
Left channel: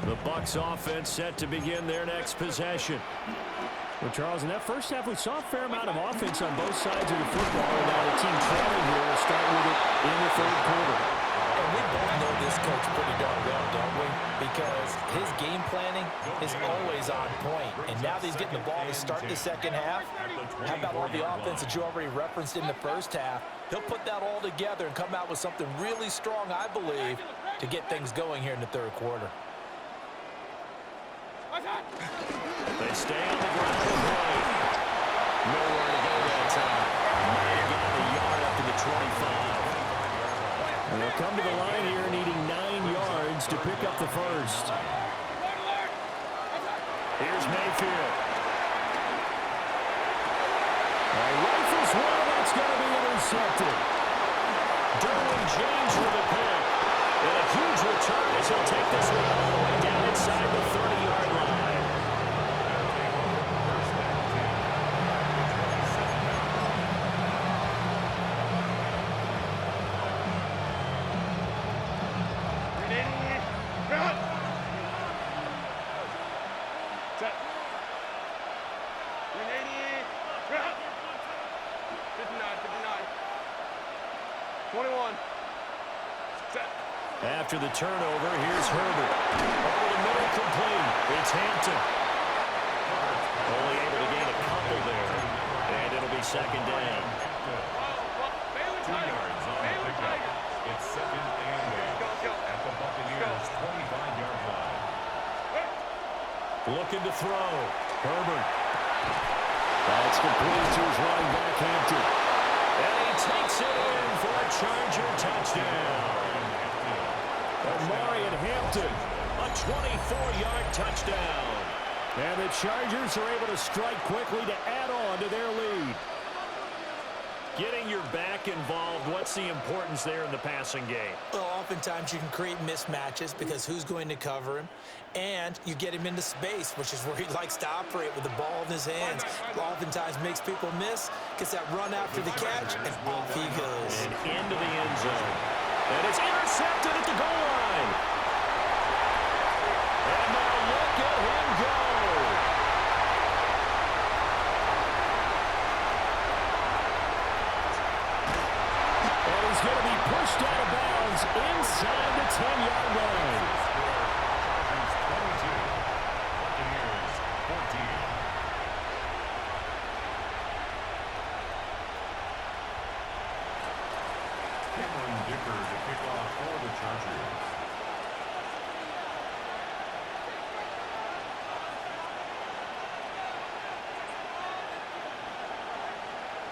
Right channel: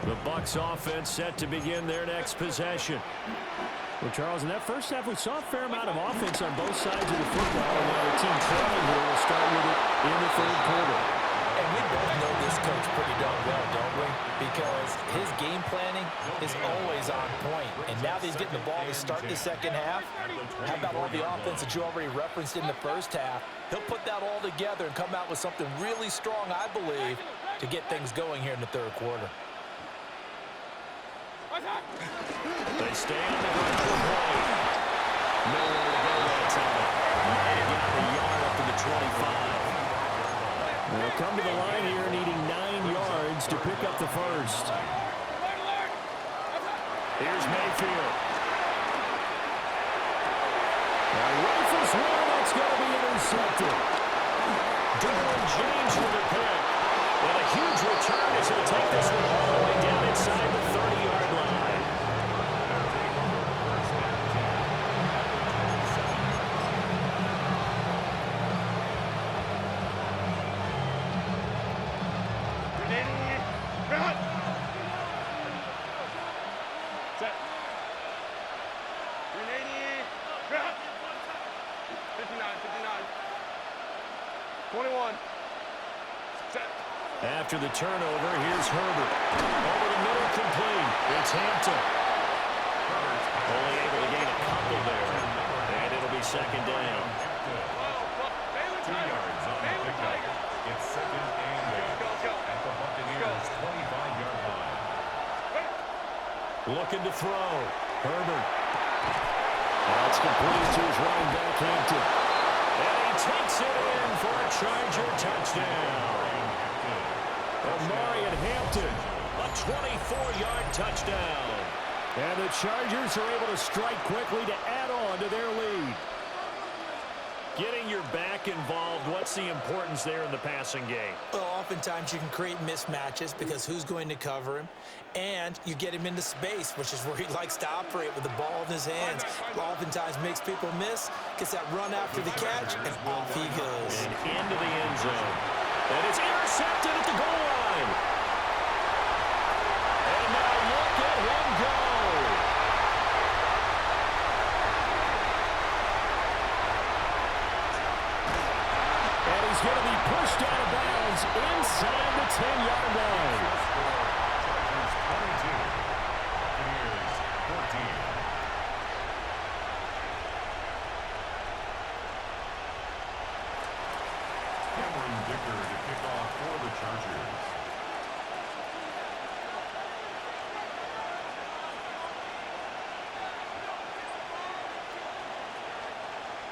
The Bucs offense set to begin their next possession. Well, Charles, in that first half, we saw a fair amount of offense on both sides of the football, and now the team trailing here will start with it in the third quarter. And we both know this coach pretty darn well, don't we? Because his game planning is always on point. And now that he's getting the ball to start the second half, how about all the offense that you already referenced in the first half? He'll put that all together and come out with something really strong, I believe, to get things going here in the third quarter. They stay on the ground and play. Nowhere to go that time. Might have gotten the yard up to the 25. They'll come to the line here needing 9 yards to pick up the first. Here's Mayfield. Rifles one, that's going to be intercepted. Derwin James with a pick. And a huge return as he'll take this one all the way down inside the 30-yard line. Set. 380. 59. 21. Set. After the turnover, here's Herbert. Over the middle, complete. It's Hampton. Only able to gain a couple there. And it'll be second down. Baylor 2 yards on the pickup. It's second and 8 at the Buccaneers' 25-yard line. Looking to throw. Herbert. That's complete to his running back, Hampton. And he takes it in for a Charger touchdown. Omari and Hampton, a 24-yard touchdown. And the Chargers are able to strike quickly to add on to their lead. Getting your back involved, what's the importance there in the passing game? Well, oftentimes you can create mismatches because who's going to cover him? And you get him into space, which is where he likes to operate with the ball in his hands. Oftentimes makes people miss, gets that run after the catch, and off he goes. And into the end zone. And it's intercepted at the goal line. And now look at him go. And he's going to be pushed out of bounds inside the 10-yard line. Chargers 22, Buccaneers 14. Gipper to kick off for the Chargers.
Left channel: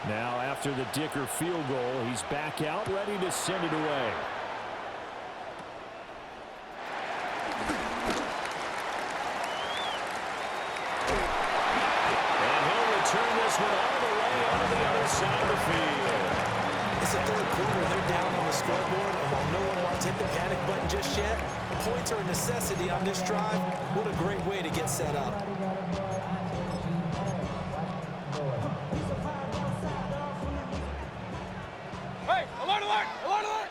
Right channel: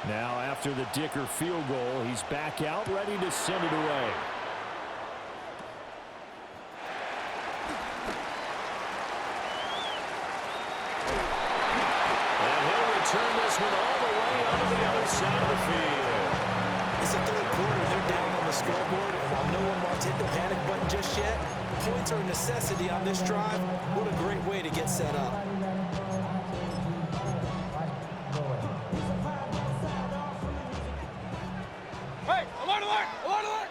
Now after the Dicker field goal, he's back out ready to send it away. And he'll return this one all the way onto the other side of the field. It's the third quarter. They're down on the scoreboard, and while no one wants to hit the panic button just yet, points are a necessity on this drive. What a great way to get set up. Hey, alert, alert, alert, alert.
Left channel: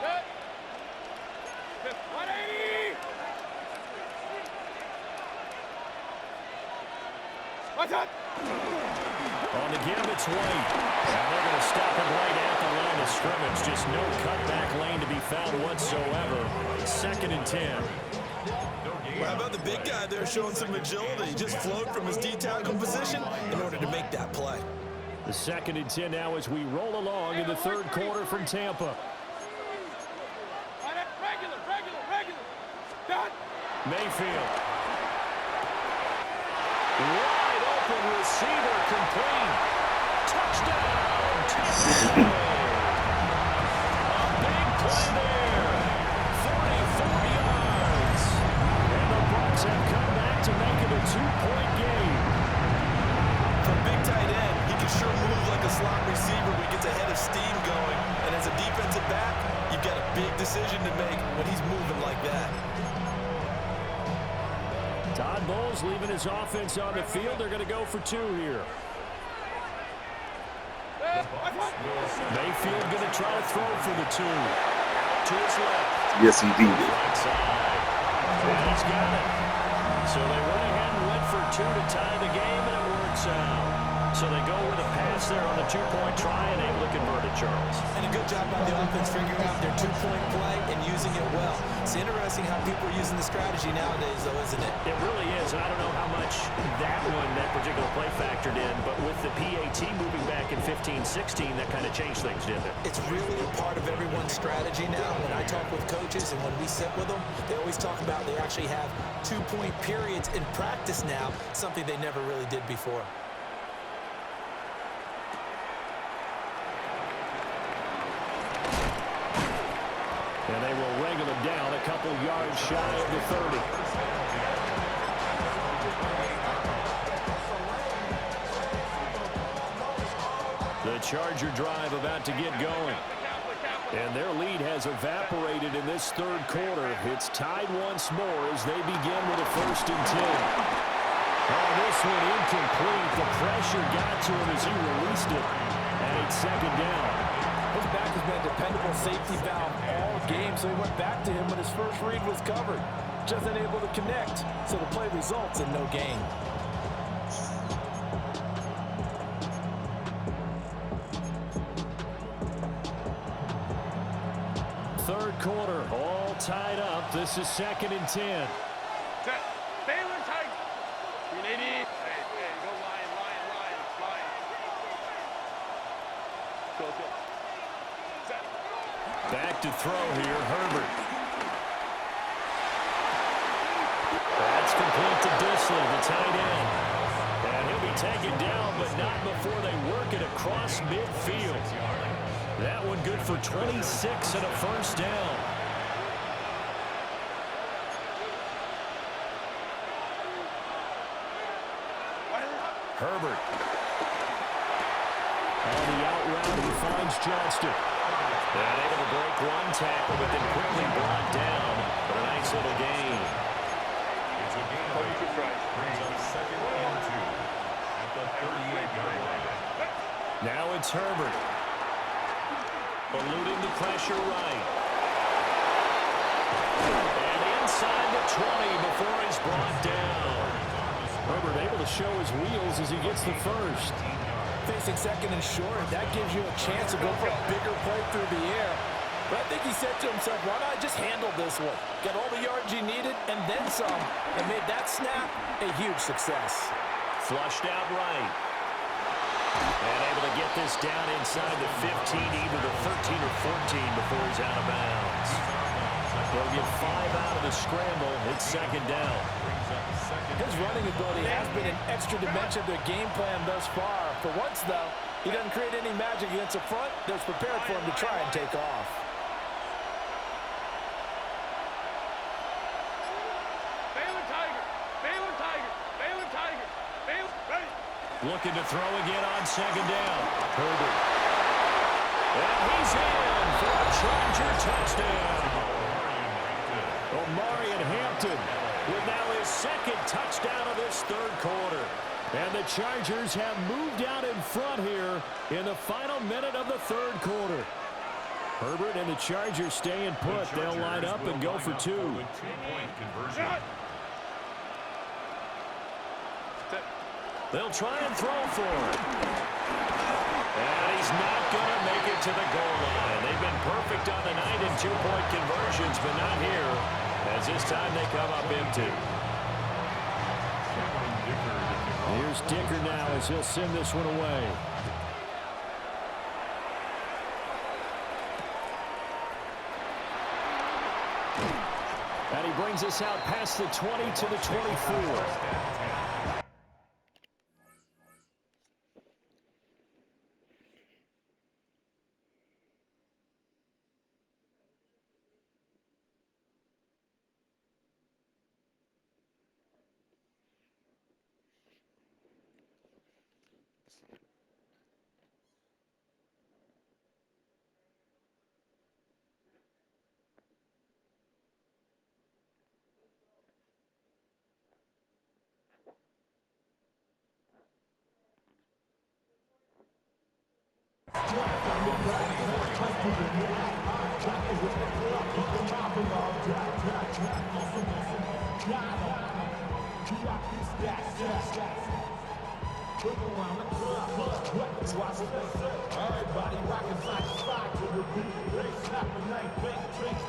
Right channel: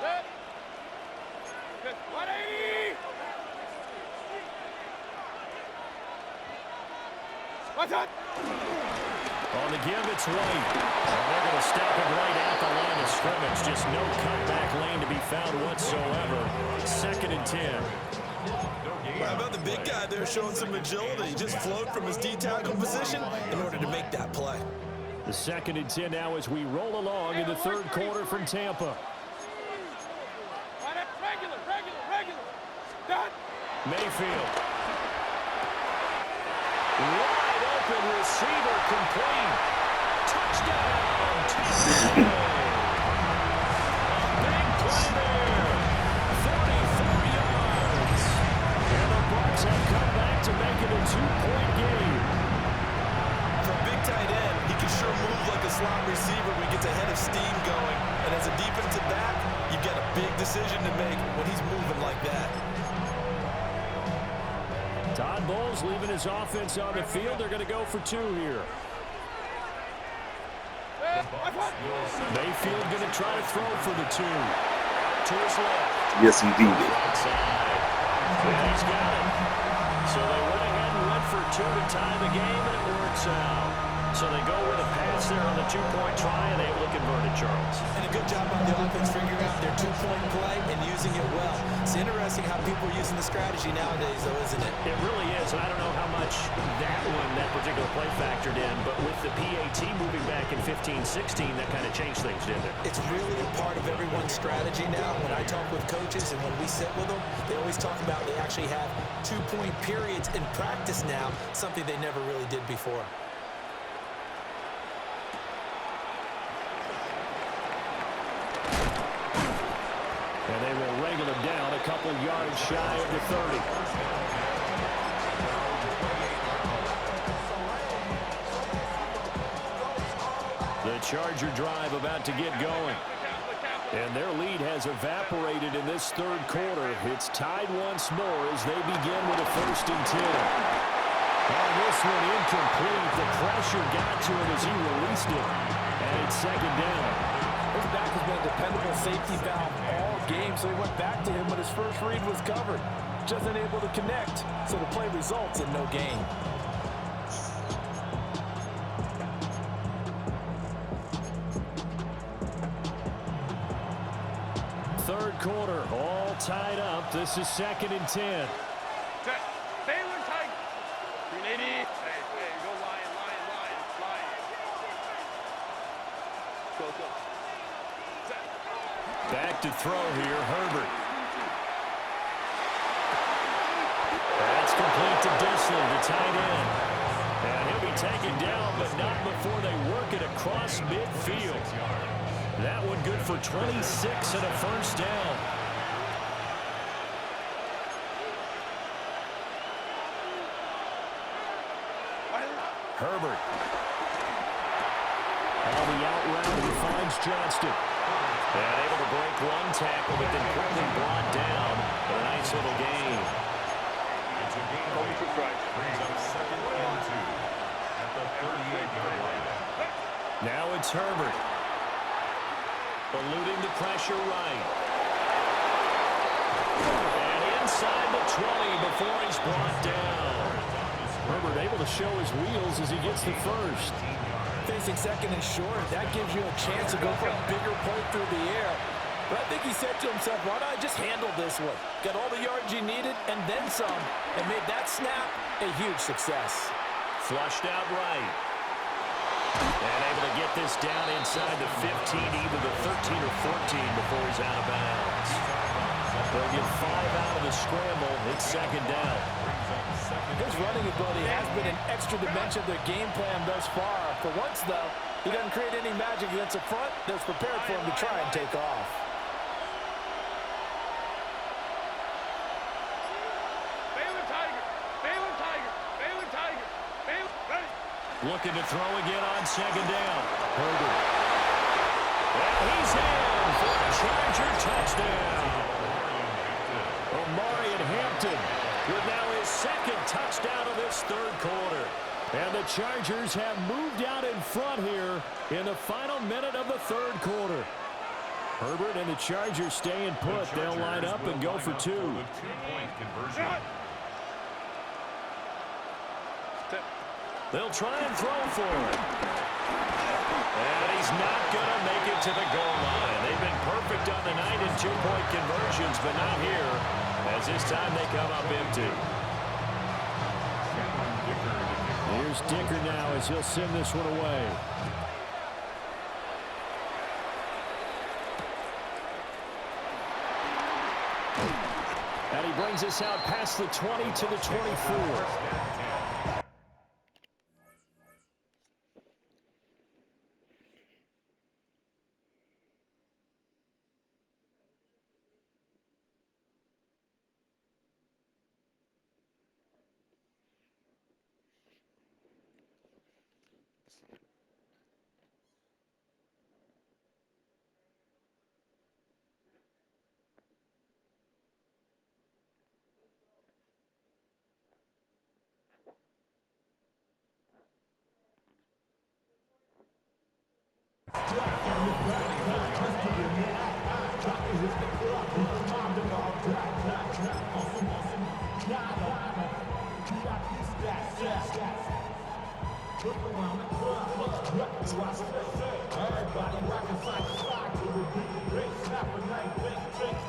Set. 180. What's up? On the give, it's White. And they're going to stop him right at the line of scrimmage. Just no cutback lane to be found whatsoever. 2nd and 10. How about the big guy there showing some agility? He just flowed from his D-tackle position in order to make that play. The 2nd and 10 now as we roll along in the third quarter from Tampa. Regular. Done. Mayfield. Wide open receiver complete. Touchdown, Tampa Bay. A big play there. 44 yards. And the Bucs have come back to make it a 2-point game. For a big tight end, he can sure move like a slot receiver when he gets a head of steam going. And as a defensive back, you've got a big decision to make when he's moving like that. Todd Bowles leaving his offense on the field. They're going to go for 2 here. Mayfield going to try to throw for the 2. Out to his left. Yes, indeed. Right side. And he's got it. So they went ahead and went for 2 to tie the game, and it works out. So they go with a pass there on the 2-point try and able to convert it, Charles. And a good job by the offense figuring out their 2-point play and using it well. It's interesting how people are using the strategy nowadays, though, isn't it? It really is, and I don't know how much that particular play factored in, but with the PAT moving back in 15-16, that kind of changed things, didn't it? It's really a part of everyone's strategy now. When I talk with coaches and when we sit with them, they always talk about they actually have 2-point periods in practice now, something they never really did before. And they will wrangle him down a couple yards shy of the 30. The Charger drive about to get going. And their lead has evaporated in this third quarter. It's tied once more as they begin with a 1st and 10. Oh, this one incomplete. The pressure got to him as he released it. And it's 2nd down. His back has been a dependable safety valve all game, so he went back to him when his first read was covered. Just unable to connect, so the play results in no gain. Third quarter, all tied up. This is 2nd and 10. Set. Baylor Tiger. 380. Hey, go Lion. Go. Set. Back to throw here, Herbert. That's complete to Disley, the tight end. And he'll be taken down, but not before they work it across midfield. That one good for 26 and a 1st down. Herbert. On the out route, he finds Johnston. And able to break one tackle, but then quickly brought down. But a nice little gain. It's a gain. Brings up 2nd and 2 at the 38-yard line. Now it's Herbert. Eluding the pressure right. And inside the 20 before he's brought down. Herbert able to show his wheels as he gets the 1st. Facing 2nd and short, that gives you a chance to go for a bigger play through the air. But I think he said to himself, why not just handle this one? Got all the yards you needed and then some, and made that snap a huge success. Flushed out right. And able to get this down inside the 15, either the 13 or 14 before he's out of bounds. They'll get 5 out of the scramble. It's 2nd down. His running ability has been an extra dimension to the game plan thus far. For once, though, he doesn't create any magic against the front. That's prepared for him to try and take off. Baylor Tiger. Ready. Looking to throw again on 2nd down. Herbert. And he's in for a Charger touchdown. Omarion Hampton with now his 2nd touchdown of this third quarter. And the Chargers have moved out in front here in the final minute of the third quarter. Herbert and the Chargers staying put. They'll line up and go for 2. They'll try and throw for it. And he's not going to make it to the goal line. They've been perfect on the night in 2-point conversions, but not here, as this time they come up empty. Here's Dicker now as he'll send this one away. And he brings us out past the 20 to the 24.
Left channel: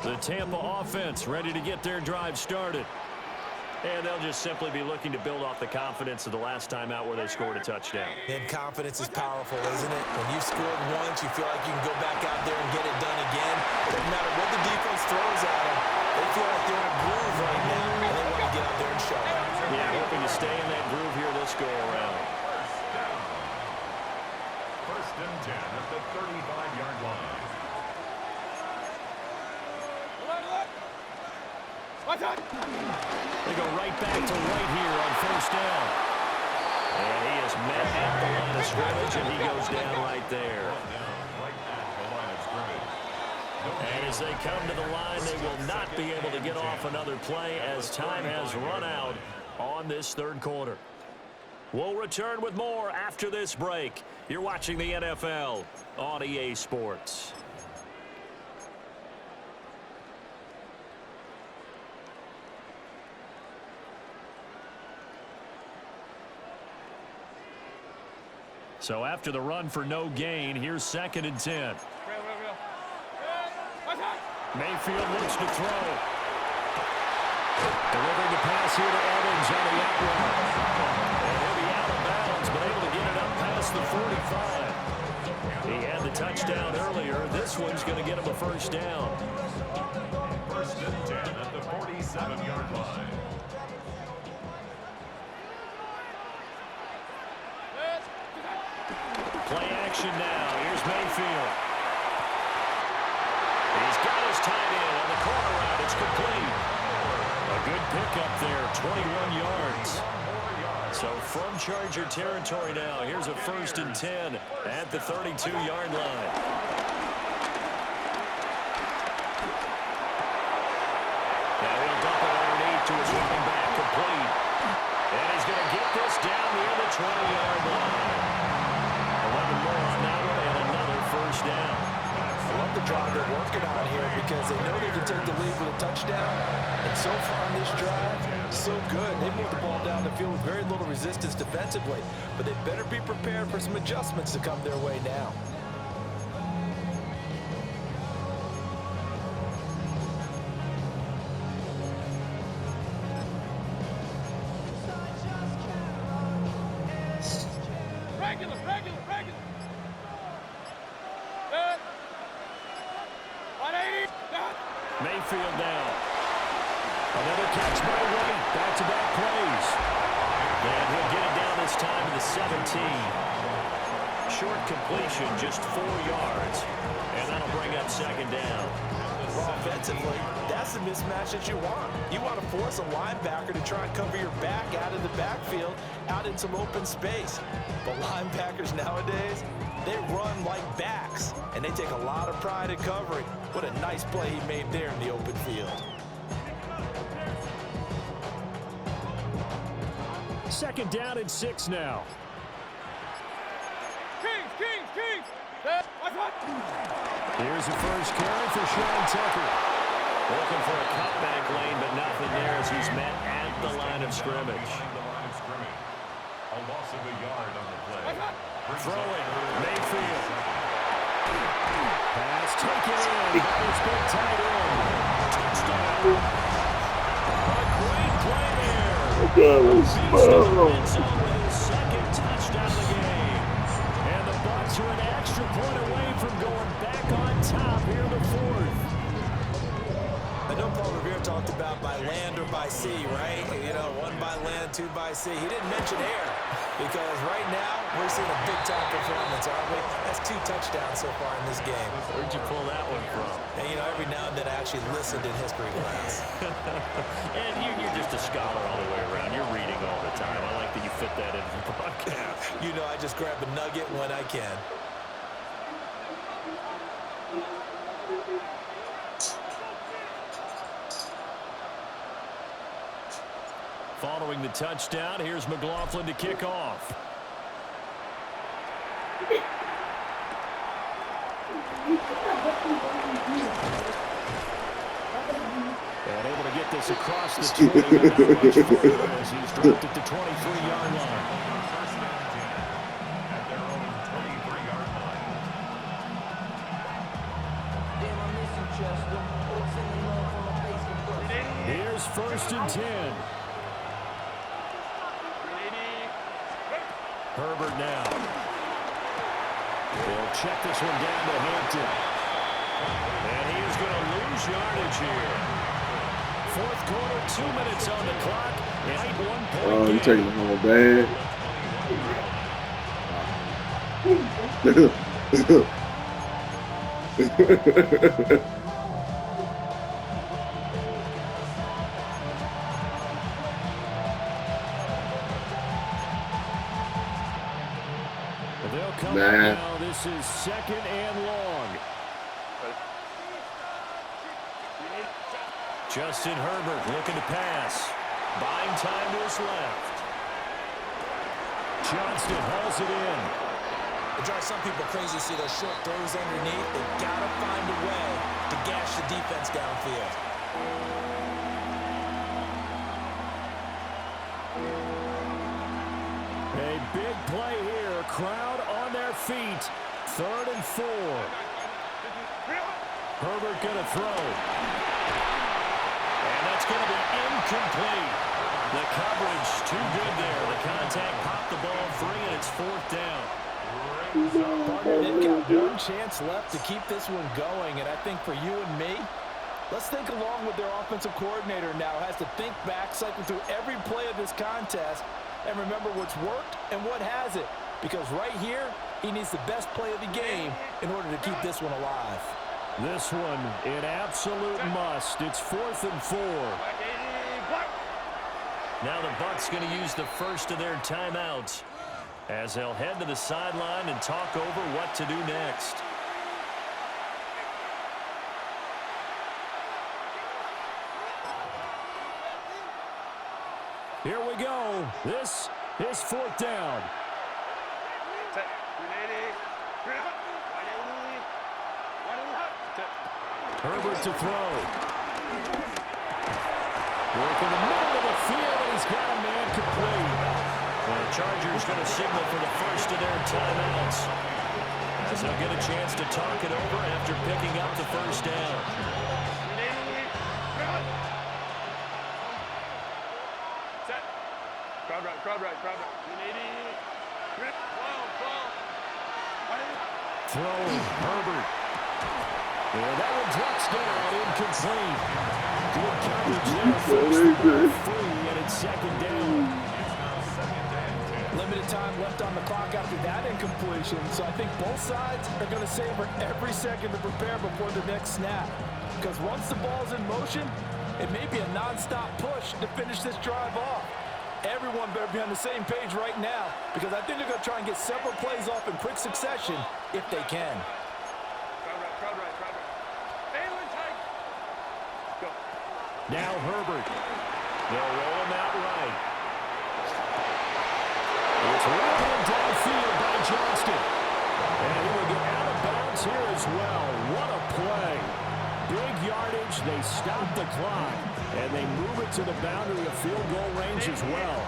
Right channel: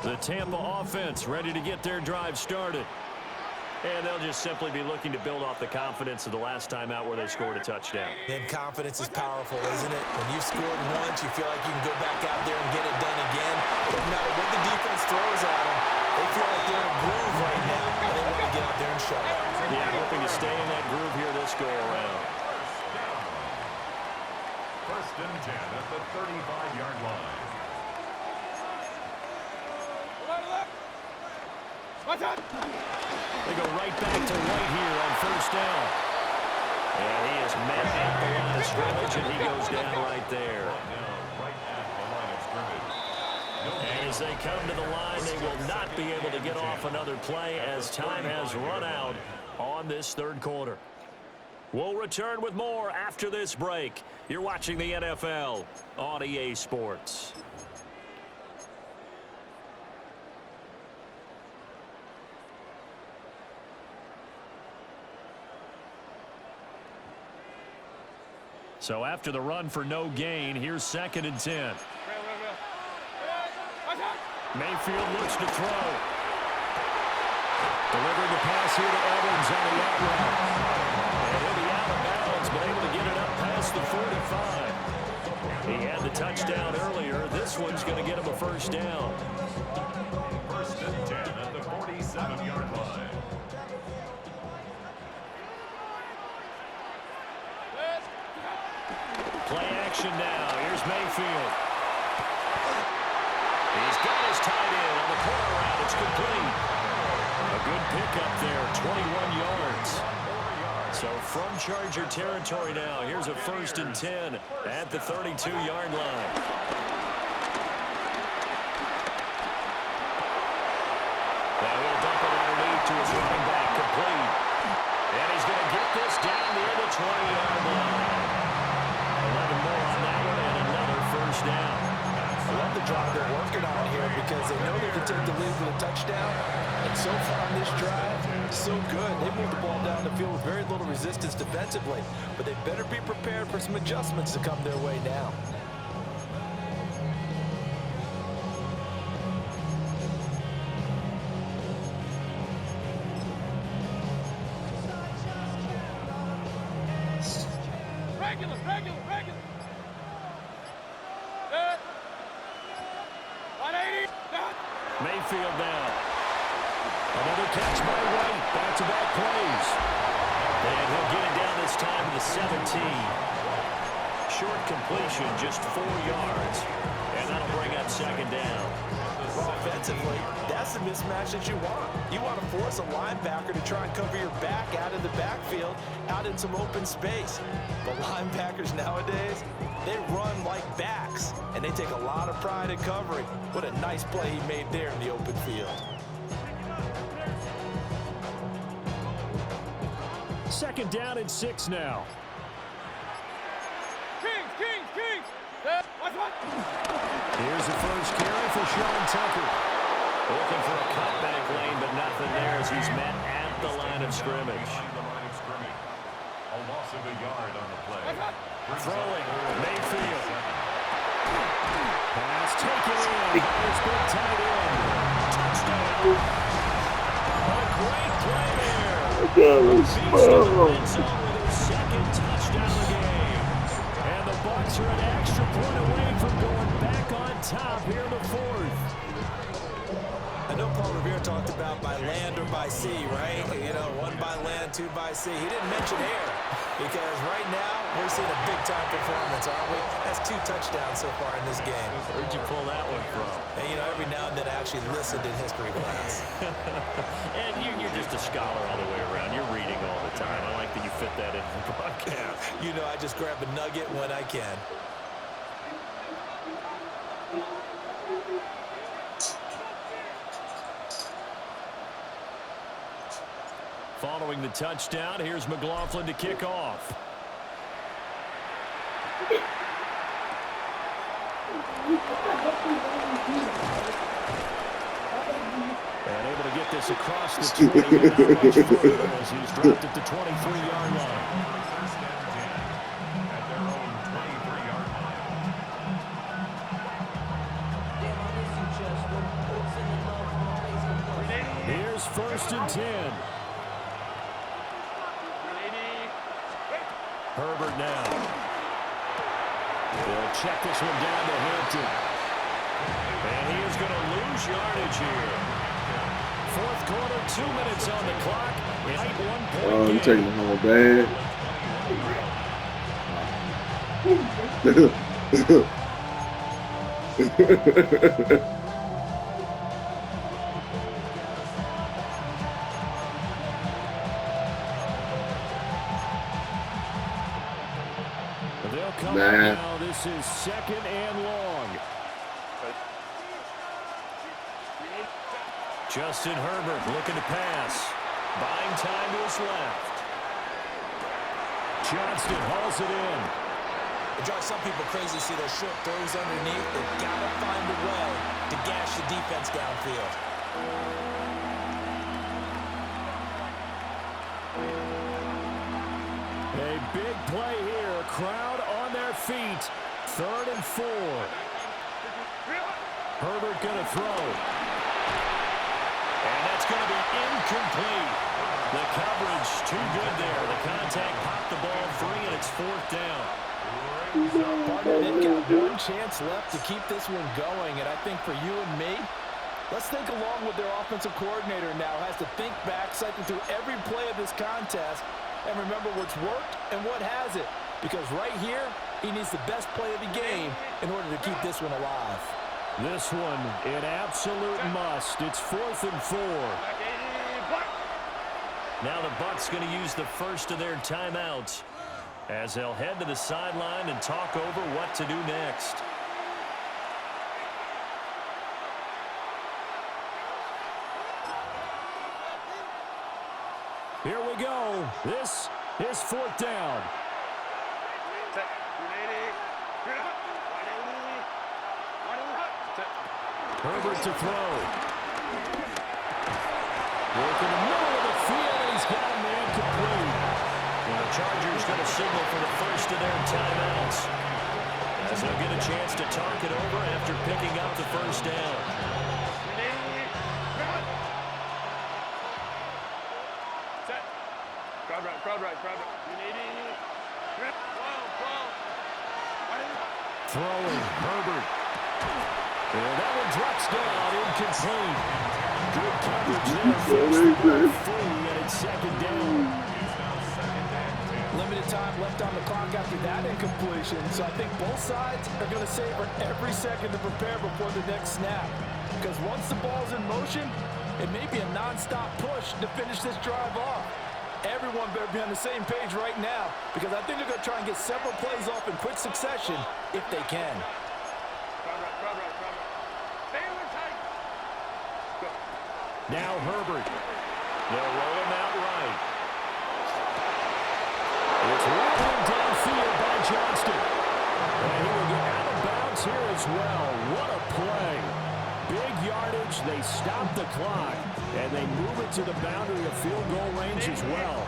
The Tampa offense ready to get their drive started. And they'll just simply be looking to build off the confidence of the last time out where they scored a touchdown. And confidence is powerful, isn't it? When you've scored once, you feel like you can go back out there and get it done again. Doesn't matter what the defense throws at them. They feel like they're in a groove right now, and they want to get out there and show it. Yeah, hoping to stay in that groove here this go-around. First and 10 at the 35-yard line. They go right back to White here on first down. And he is met at the line of scrimmage, and he goes down right there. Right at the line of scrimmage. And as they come to the line, they will not be able to get off another play as time has run out on this third quarter. We'll return with more after this break. You're watching the NFL on EA Sports. So after the run for no gain, here's 2nd and 10. Mayfield looks to throw. Delivering the pass here to Evans on the out route. And he'll be out of bounds, but able to get it up past the 45. He had the touchdown earlier. This one's going to get him a first down. First and 10 at the 47-yard line. Play action now. Here's Mayfield. He's got his tight end on the corner route. It's complete. A good pickup there, 21 yards. So from Charger territory now, here's a 1st and 10 at the 32-yard line. Now he'll dump it underneath to his running back, complete. And he's going to get this down near the 20-yard line. 11 more on that one and another first down. I love the drive they're working on here because they know they can take the lead with a touchdown. And so far on this drive, so good. They moved the ball down the field with very little resistance defensively. But they better be prepared for some adjustments to come their way now. Regular. Mayfield down. Another catch by White. Back-to-back plays. And he'll get it down this time to the 17. Short completion, just 4 yards. And that'll bring up 2nd down. Well, offensively, that's the mismatch that you want. You want to force a linebacker to try and cover your back out of the backfield, out in some open space. But linebackers nowadays, they run like backs, and they take a lot of pride in covering. What a nice play he made there in the open field. 2nd down and 6 now. Kings. Here's the first carry for Sean Tucker. Looking for a cutback lane, but nothing there as he's met at the line of scrimmage. A loss of a yard on the play. Throwing, Mayfield. Pass taken in by his big tight end. Touchdown. A great play there. Beats the red zone with his 2nd touchdown of the game. And the Bucs are an extra point away from going back on top here in the 4th. I know Paul Revere talked about by land or by sea, right? You know, 1 by land, 2 by sea. He didn't mention air because right now we're seeing a big-time performance, aren't we? That's 2 touchdowns so far in this game. Where'd you pull that one from? And, you know, every now and then I actually listened in history class. And you're just a scholar all the way around. You're reading all the time. I like that you fit that into the broadcast. You know, I just grab a nugget when I can. Following the touchdown, here's McLaughlin to kick off. And able to get this across the 20, but not much further as he's dropped at the 23-yard line. First and 10 at their own 23-yard line. Here's first and 10. Herbert now. They'll check this one down to Hampton. And he is going to lose yardage here. Fourth quarter, 2 minutes on the clock. Tight 1 point Oh, game. I'm taking the home bad. They'll come Nah. up now. This is second and long. Justin Herbert looking to pass. Buying time to his left. Johnston hauls it in. It drives some people crazy to see those short throws underneath. They've got to find a way to gash the defense downfield. A big play here. Crowd on their feet. 3rd and 4. Herbert going to throw. And that's going to be incomplete. The coverage too good there. The contact popped the ball free, and it's 4th down. Partner, they've got one chance left to keep this one going, and I think for you and me, let's think along with their offensive coordinator now. Has to think back, cycle through every play of this contest, and remember what's worked and what hasn't. Because right here, he needs the best play of the game in order to keep this one alive. This one an absolute must. It's 4th and 4. Now the Bucs going to use the first of their timeouts as they'll head to the sideline and talk over what to do next. Here we go. This is 4th down. Herbert to throw. Work in the middle of the field, and he's got a man complete. And the Chargers going to signal for the first of their timeouts, as they'll get a chance to talk it over after picking up the first down. Crowd right. Throwing, Herbert. And that one drops down, incomplete. Good coverage there. First the ball free, and it's 2nd down. It's now 2nd and 10. Limited time left on the clock after that incompletion, so I think both sides are going to savor every second to prepare before the next snap. Because once the ball's in motion, it may be a non-stop push to finish this drive off. Everyone better be on the same page right now, because I think they're going to try and get several plays off in quick succession if they can. Crowd right. Baylor tight. Go. Now Herbert. They'll roll him out right. It's rolling downfield by Johnston. And he will get out of bounds here as well. What a play. Big yardage. They stop the clock. And they move it to the boundary of field goal range as well.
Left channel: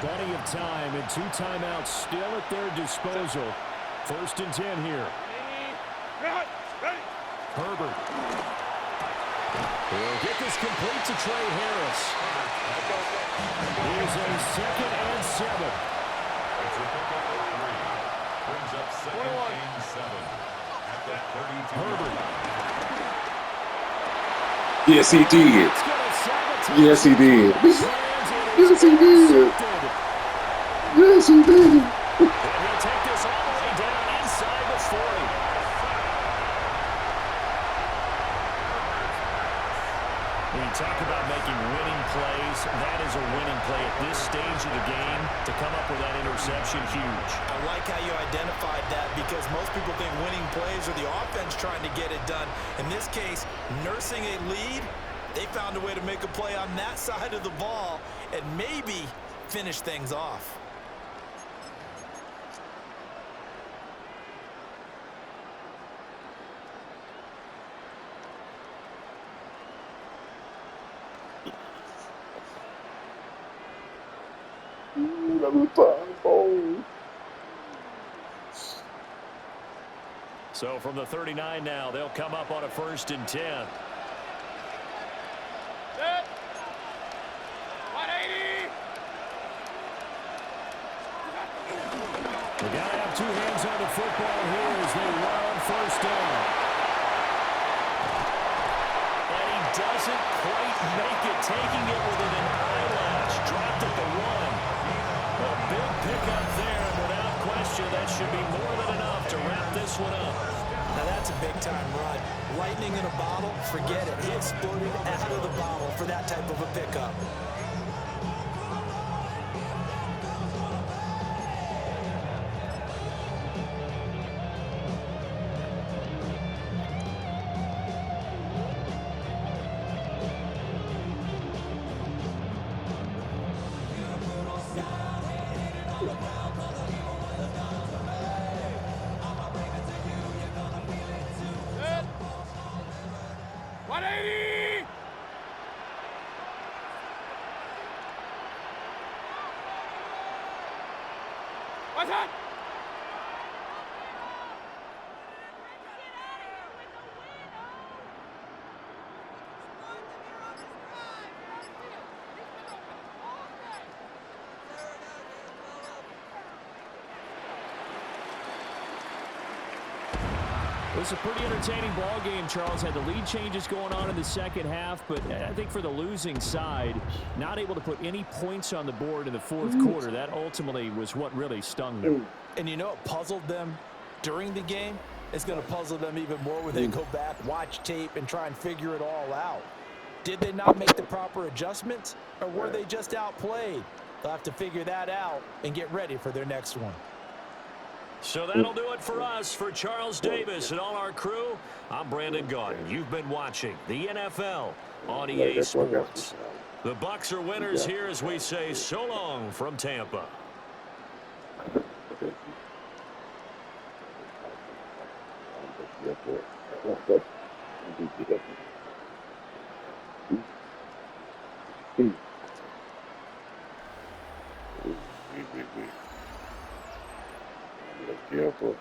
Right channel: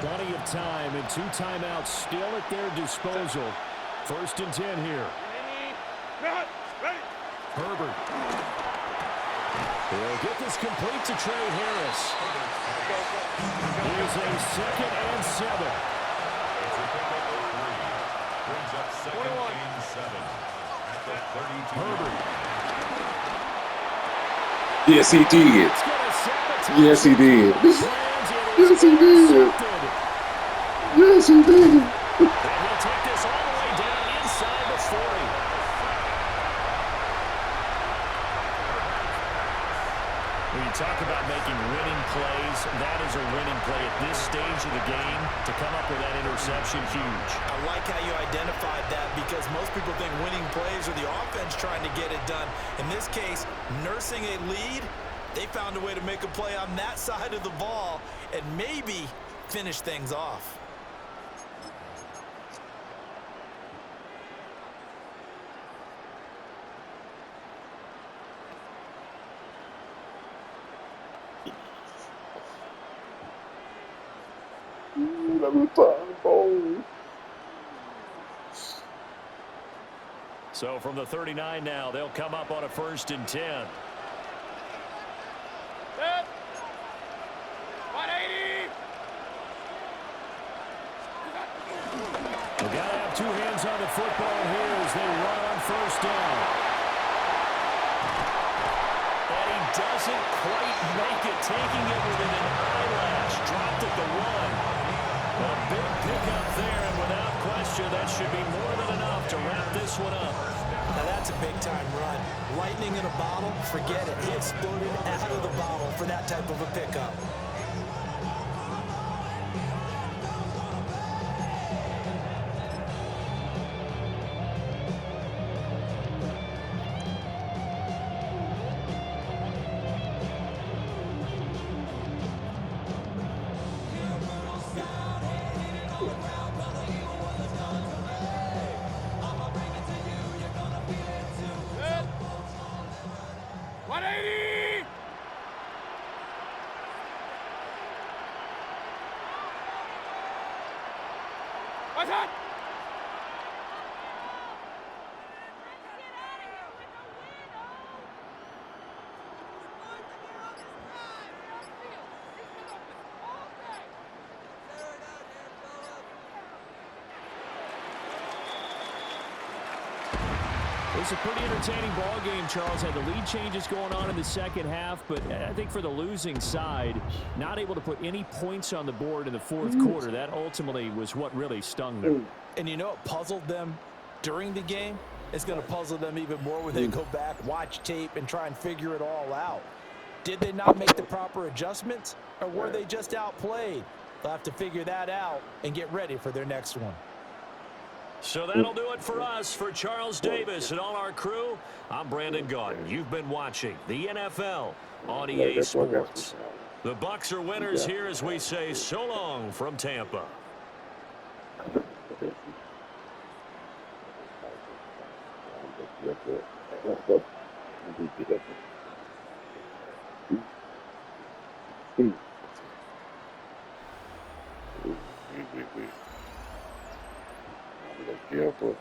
Plenty of time and 2 timeouts still at their disposal. 1st and 10 here. Ready. Herbert. He'll get this complete to Trey Harris. Here's a 2nd and 7. It's a pickup of 3. Brings up 2nd and 7 at the 32. Herbert. Yes, he did. It's gonna sabotage Yes, he did. plans. It is Yes, he did. intercepted. Yes, he did. And he'll take this all the way down inside the 40. When you talk about making winning plays, that is a winning play at this stage of the game. To come up with that interception, huge. I like how you identified that, because most people think winning plays are the offense trying to get it done. In this case, nursing a lead, they found a way to make a play on that side of the ball and maybe finish things off. Another time, ball. So from the 39 now, they'll come up on a 1st and 10. Set. 180. They got to have 2 hands on the football here as they run on 1st down. And he doesn't quite make it, taking it within an eyelash. Dropped at the 1. A big pickup there, and without question, that should be more than enough to wrap this one up. Now that's a big-time run. Lightning in a bottle, forget it. He exploded out of the bottle for that type of a pickup. Set. 180. What's that? It was a pretty entertaining ball game. Charles had the lead changes going on in the second half, but I think for the losing side, not able to put any points on the board in the 4th quarter, that ultimately was what really stung them. And you know what puzzled them during the game? It's going to puzzle them even more when they go back, watch tape, and try and figure it all out. Did they not make the proper adjustments, or were they just outplayed? They'll have to figure that out and get ready for their next one. So that'll do it for us. For Charles Davis and all our crew, I'm Brandon Gaudin. You've been watching the NFL on EA Sports. The Bucs are winners here as we say so long from Tampa. Gipper. Gipper.